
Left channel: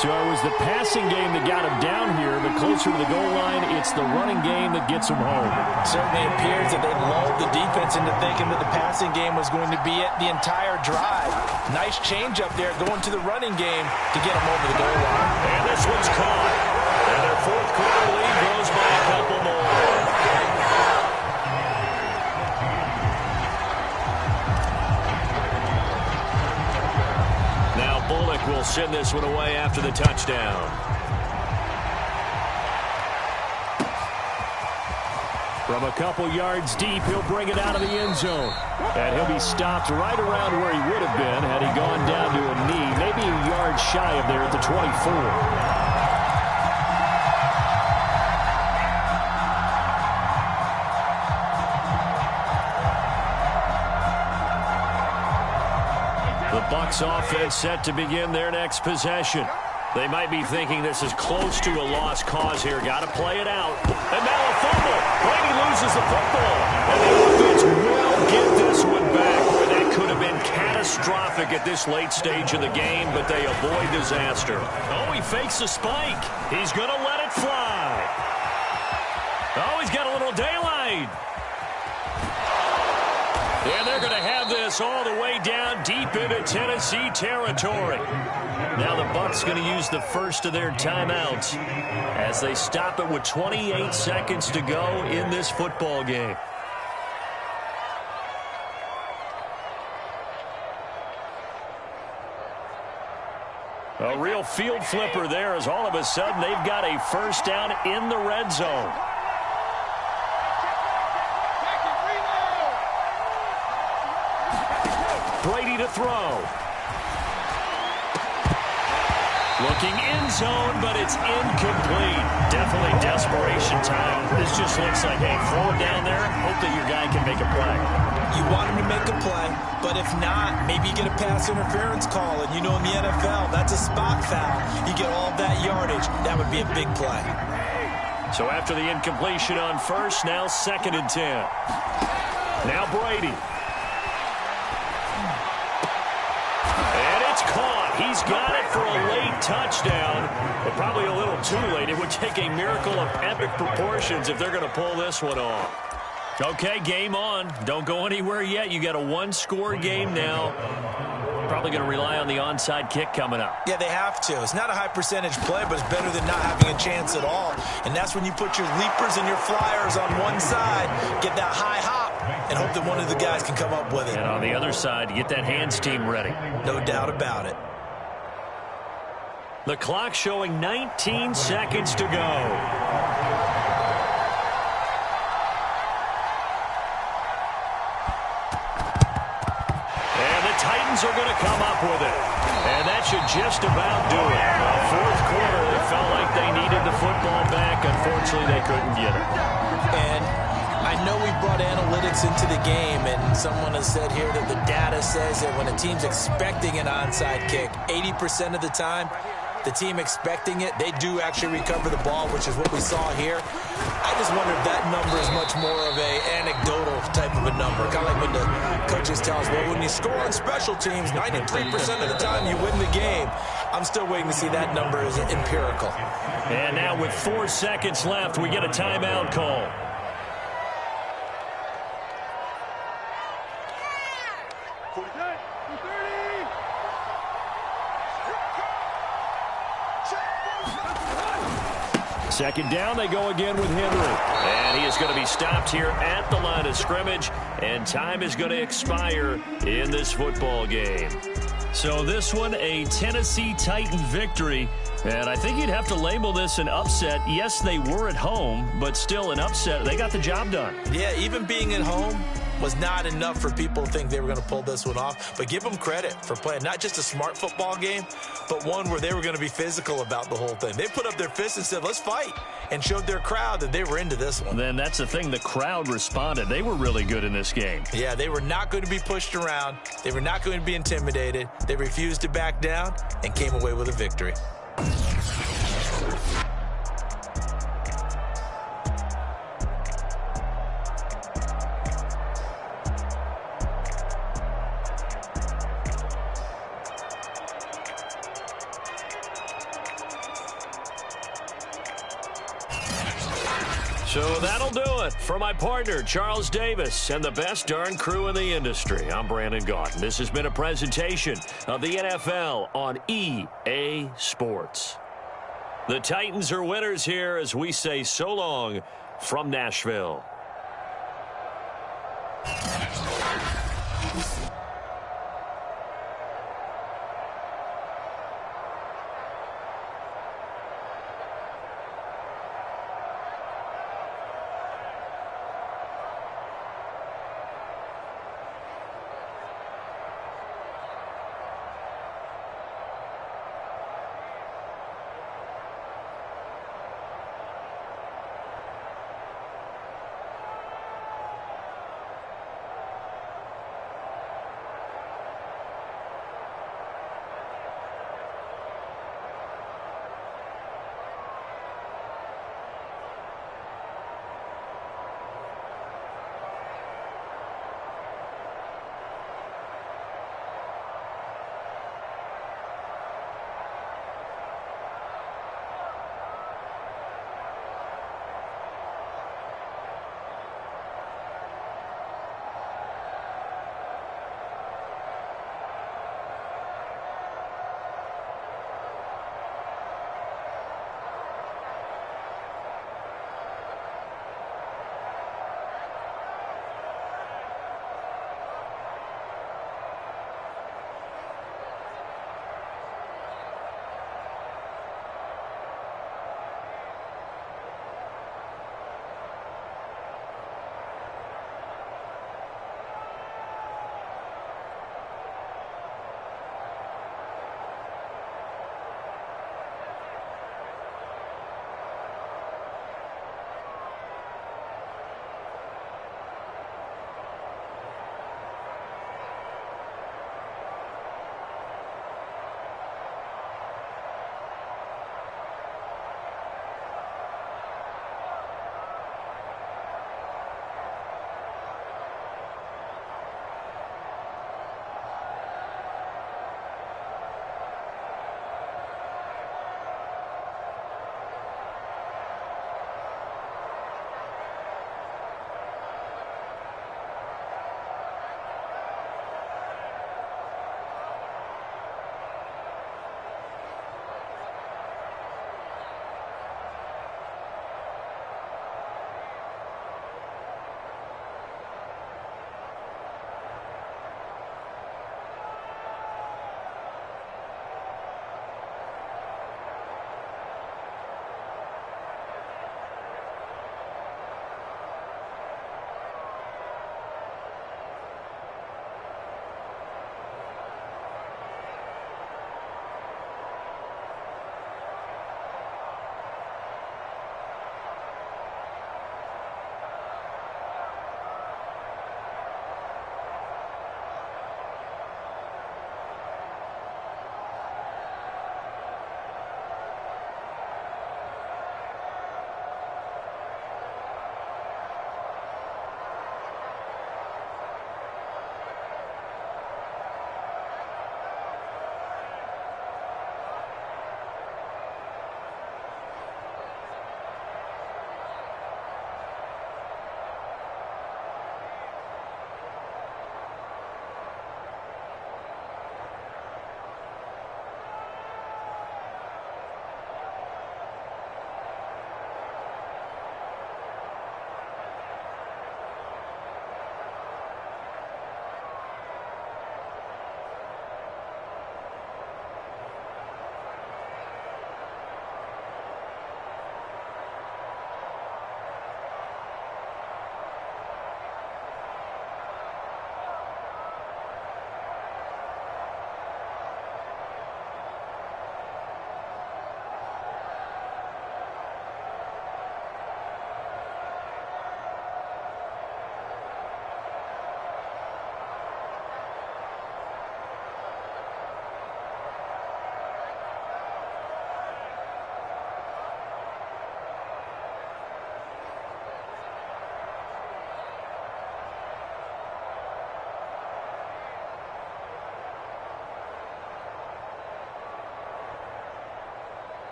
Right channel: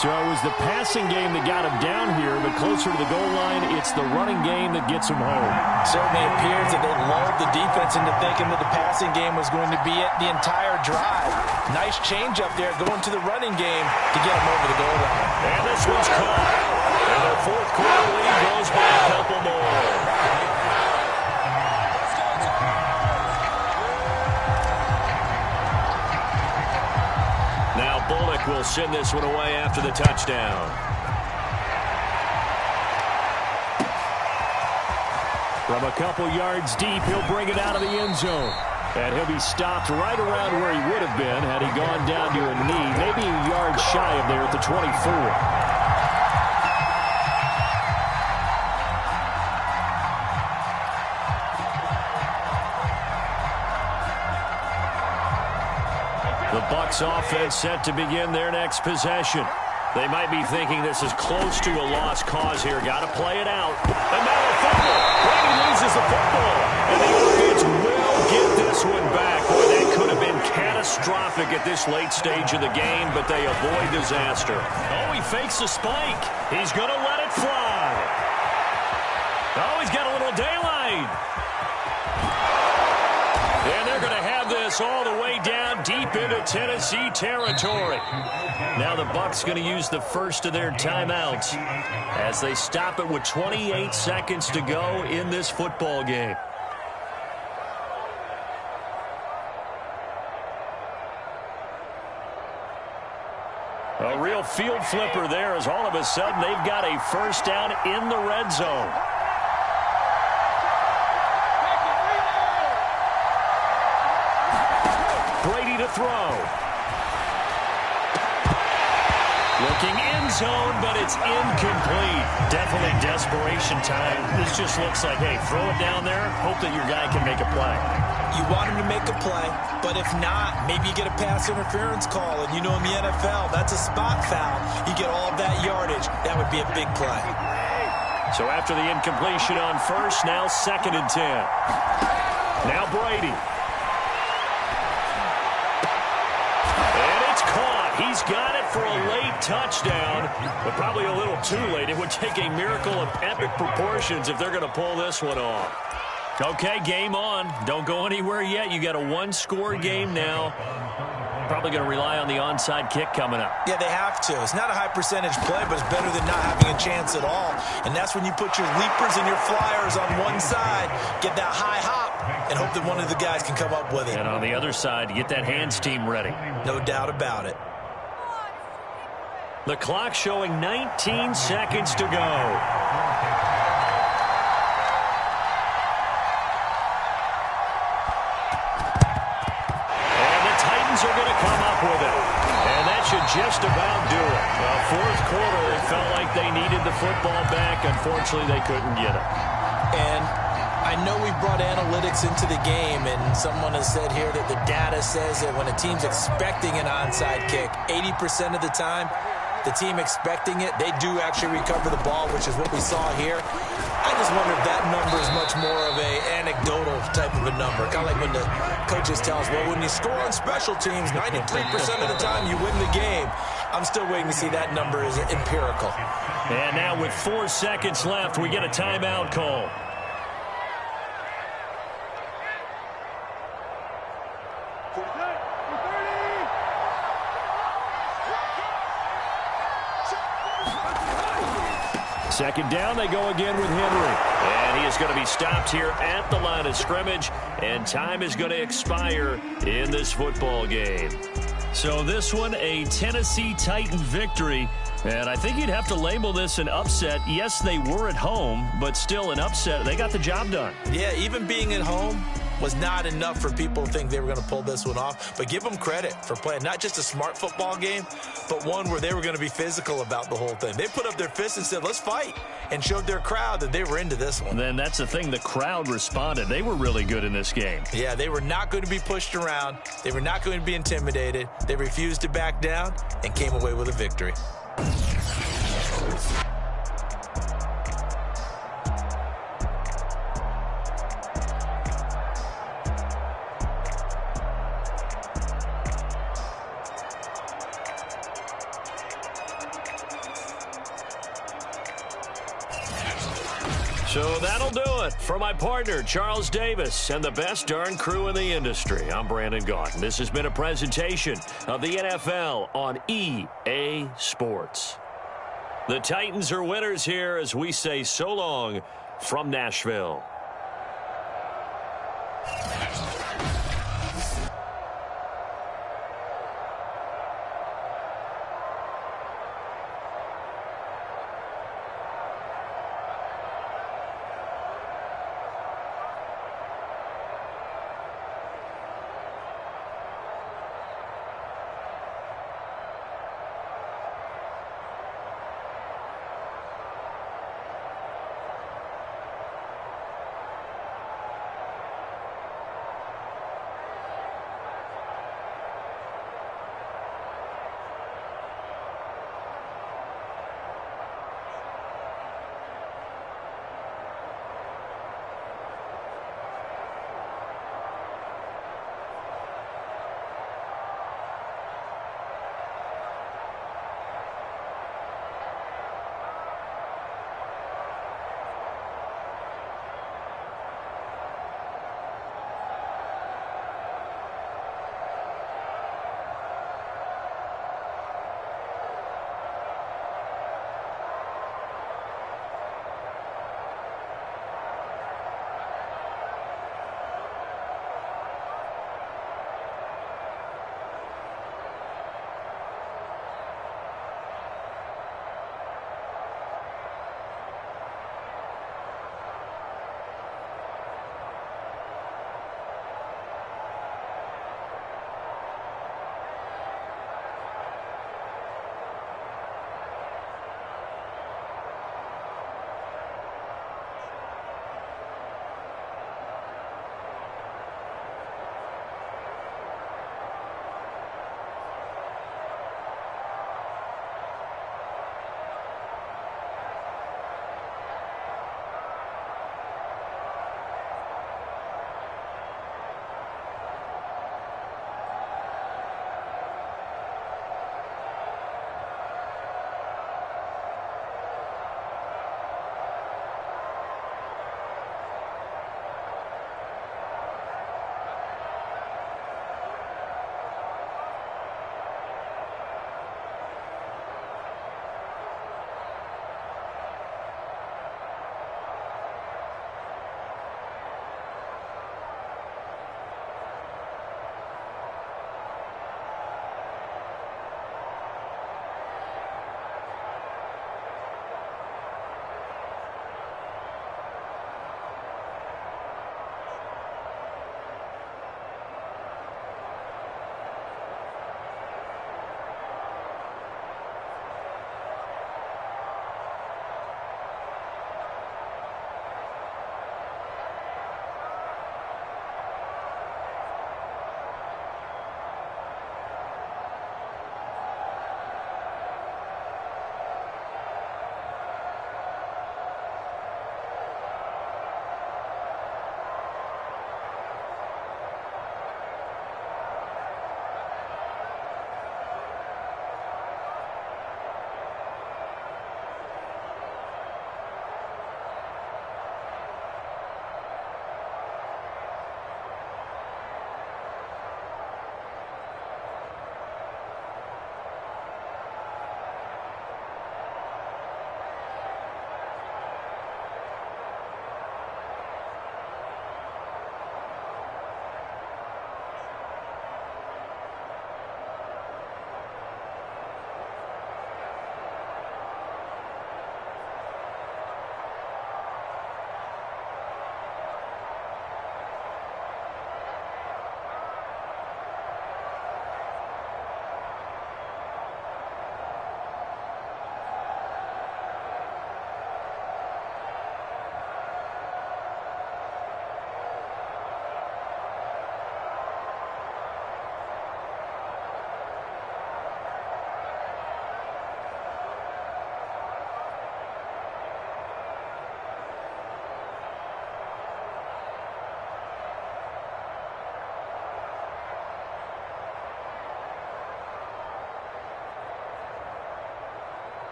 So it was the passing game that got him down here, but closer to the goal line, it's the running game that gets him home. Certainly appears that they lulled the defense into thinking that the passing game was going to be it the entire drive. Nice change up there going to the running game to get them over the goal line. And this one's caught. And their 4th quarter lead grows by a couple more. Now Bullock will send this one away after the touchdown. From a couple yards deep, he'll bring it out of the end zone. And he'll be stopped right around where he would have been had he gone down to a knee, maybe a yard shy of there at the 24. The Bucs offense set to begin their next possession. They might be thinking this is close to a lost cause here. Got to play it out. And now a fumble. Brady loses the football. And the offense will get this one back. Boy, that could have been catastrophic at this late stage of the game, but they avoid disaster. Oh, he fakes the spike. He's going to let it fly. Oh, he's got a little daylight. And they're going to have this all the way down deep into Tennessee territory. Now the Bucs going to use the first of their timeouts as they stop it with 28 seconds to go in this football game. A real field flipper there as all of a sudden they've got a first down in the red zone. Brady to throw. Looking end zone, but it's incomplete. Definitely desperation time. This just looks like, hey, throw it down there, hope that your guy can make a play. You want him to make a play, but if not, maybe you get a pass interference call. And you know in the NFL, that's a spot foul. You get all of that yardage. That would be a big play. So after the incompletion on first, now 2nd and 10. Now Brady. And it's caught. He's got it for a late touchdown, but probably a little too late. It would take a miracle of epic proportions if they're going to pull this one off. Okay, game on. Don't go anywhere yet. You got a one-score game now. Probably going to rely on the onside kick coming up. Yeah, they have to. It's not a high percentage play, but it's better than not having a chance at all. And that's when you put your leapers and your flyers on one side, get that high hop, and hope that one of the guys can come up with it. And on the other side, get that hands team ready. No doubt about it. The clock showing 19 seconds to go. Titans are going to come up with it. And that should just about do it. Well, fourth quarter, they felt like they needed the football back. Unfortunately, they couldn't get it. And I know we brought analytics into the game, and someone has said here that the data says that when a team's expecting an onside kick, 80% of the time, the team expecting it, they do actually recover the ball, which is what we saw here. I just wonder if that number is much more of a anecdotal type of a number. Kind of like when the coaches tell us, well, when you score on special teams, 93% of the time you win the game. I'm still waiting to see that number is empirical. And now with 4 seconds left, we get a timeout call. Second down, they go again with Henry. And he is going to be stopped here at the line of scrimmage, and time is going to expire in this football game. So this one, a Tennessee Titan victory, and I think you'd have to label this an upset. Yes, they were at home, but still an upset. They got the job done. Yeah, even being at home was not enough for people to think they were going to pull this one off. But give them credit for playing not just a smart football game, but one where they were going to be physical about the whole thing. They put up their fists and said, let's fight, and showed their crowd that they were into this one. Then that's the thing. The crowd responded. They were really good in this game. Yeah, they were not going to be pushed around. They were not going to be intimidated. They refused to back down and came away with a victory. So that'll do it for my partner, Charles Davis, and the best darn crew in the industry. I'm Brandon Gaudin. This has been a presentation of the NFL on EA Sports. The Titans are winners here as we say so long from Nashville.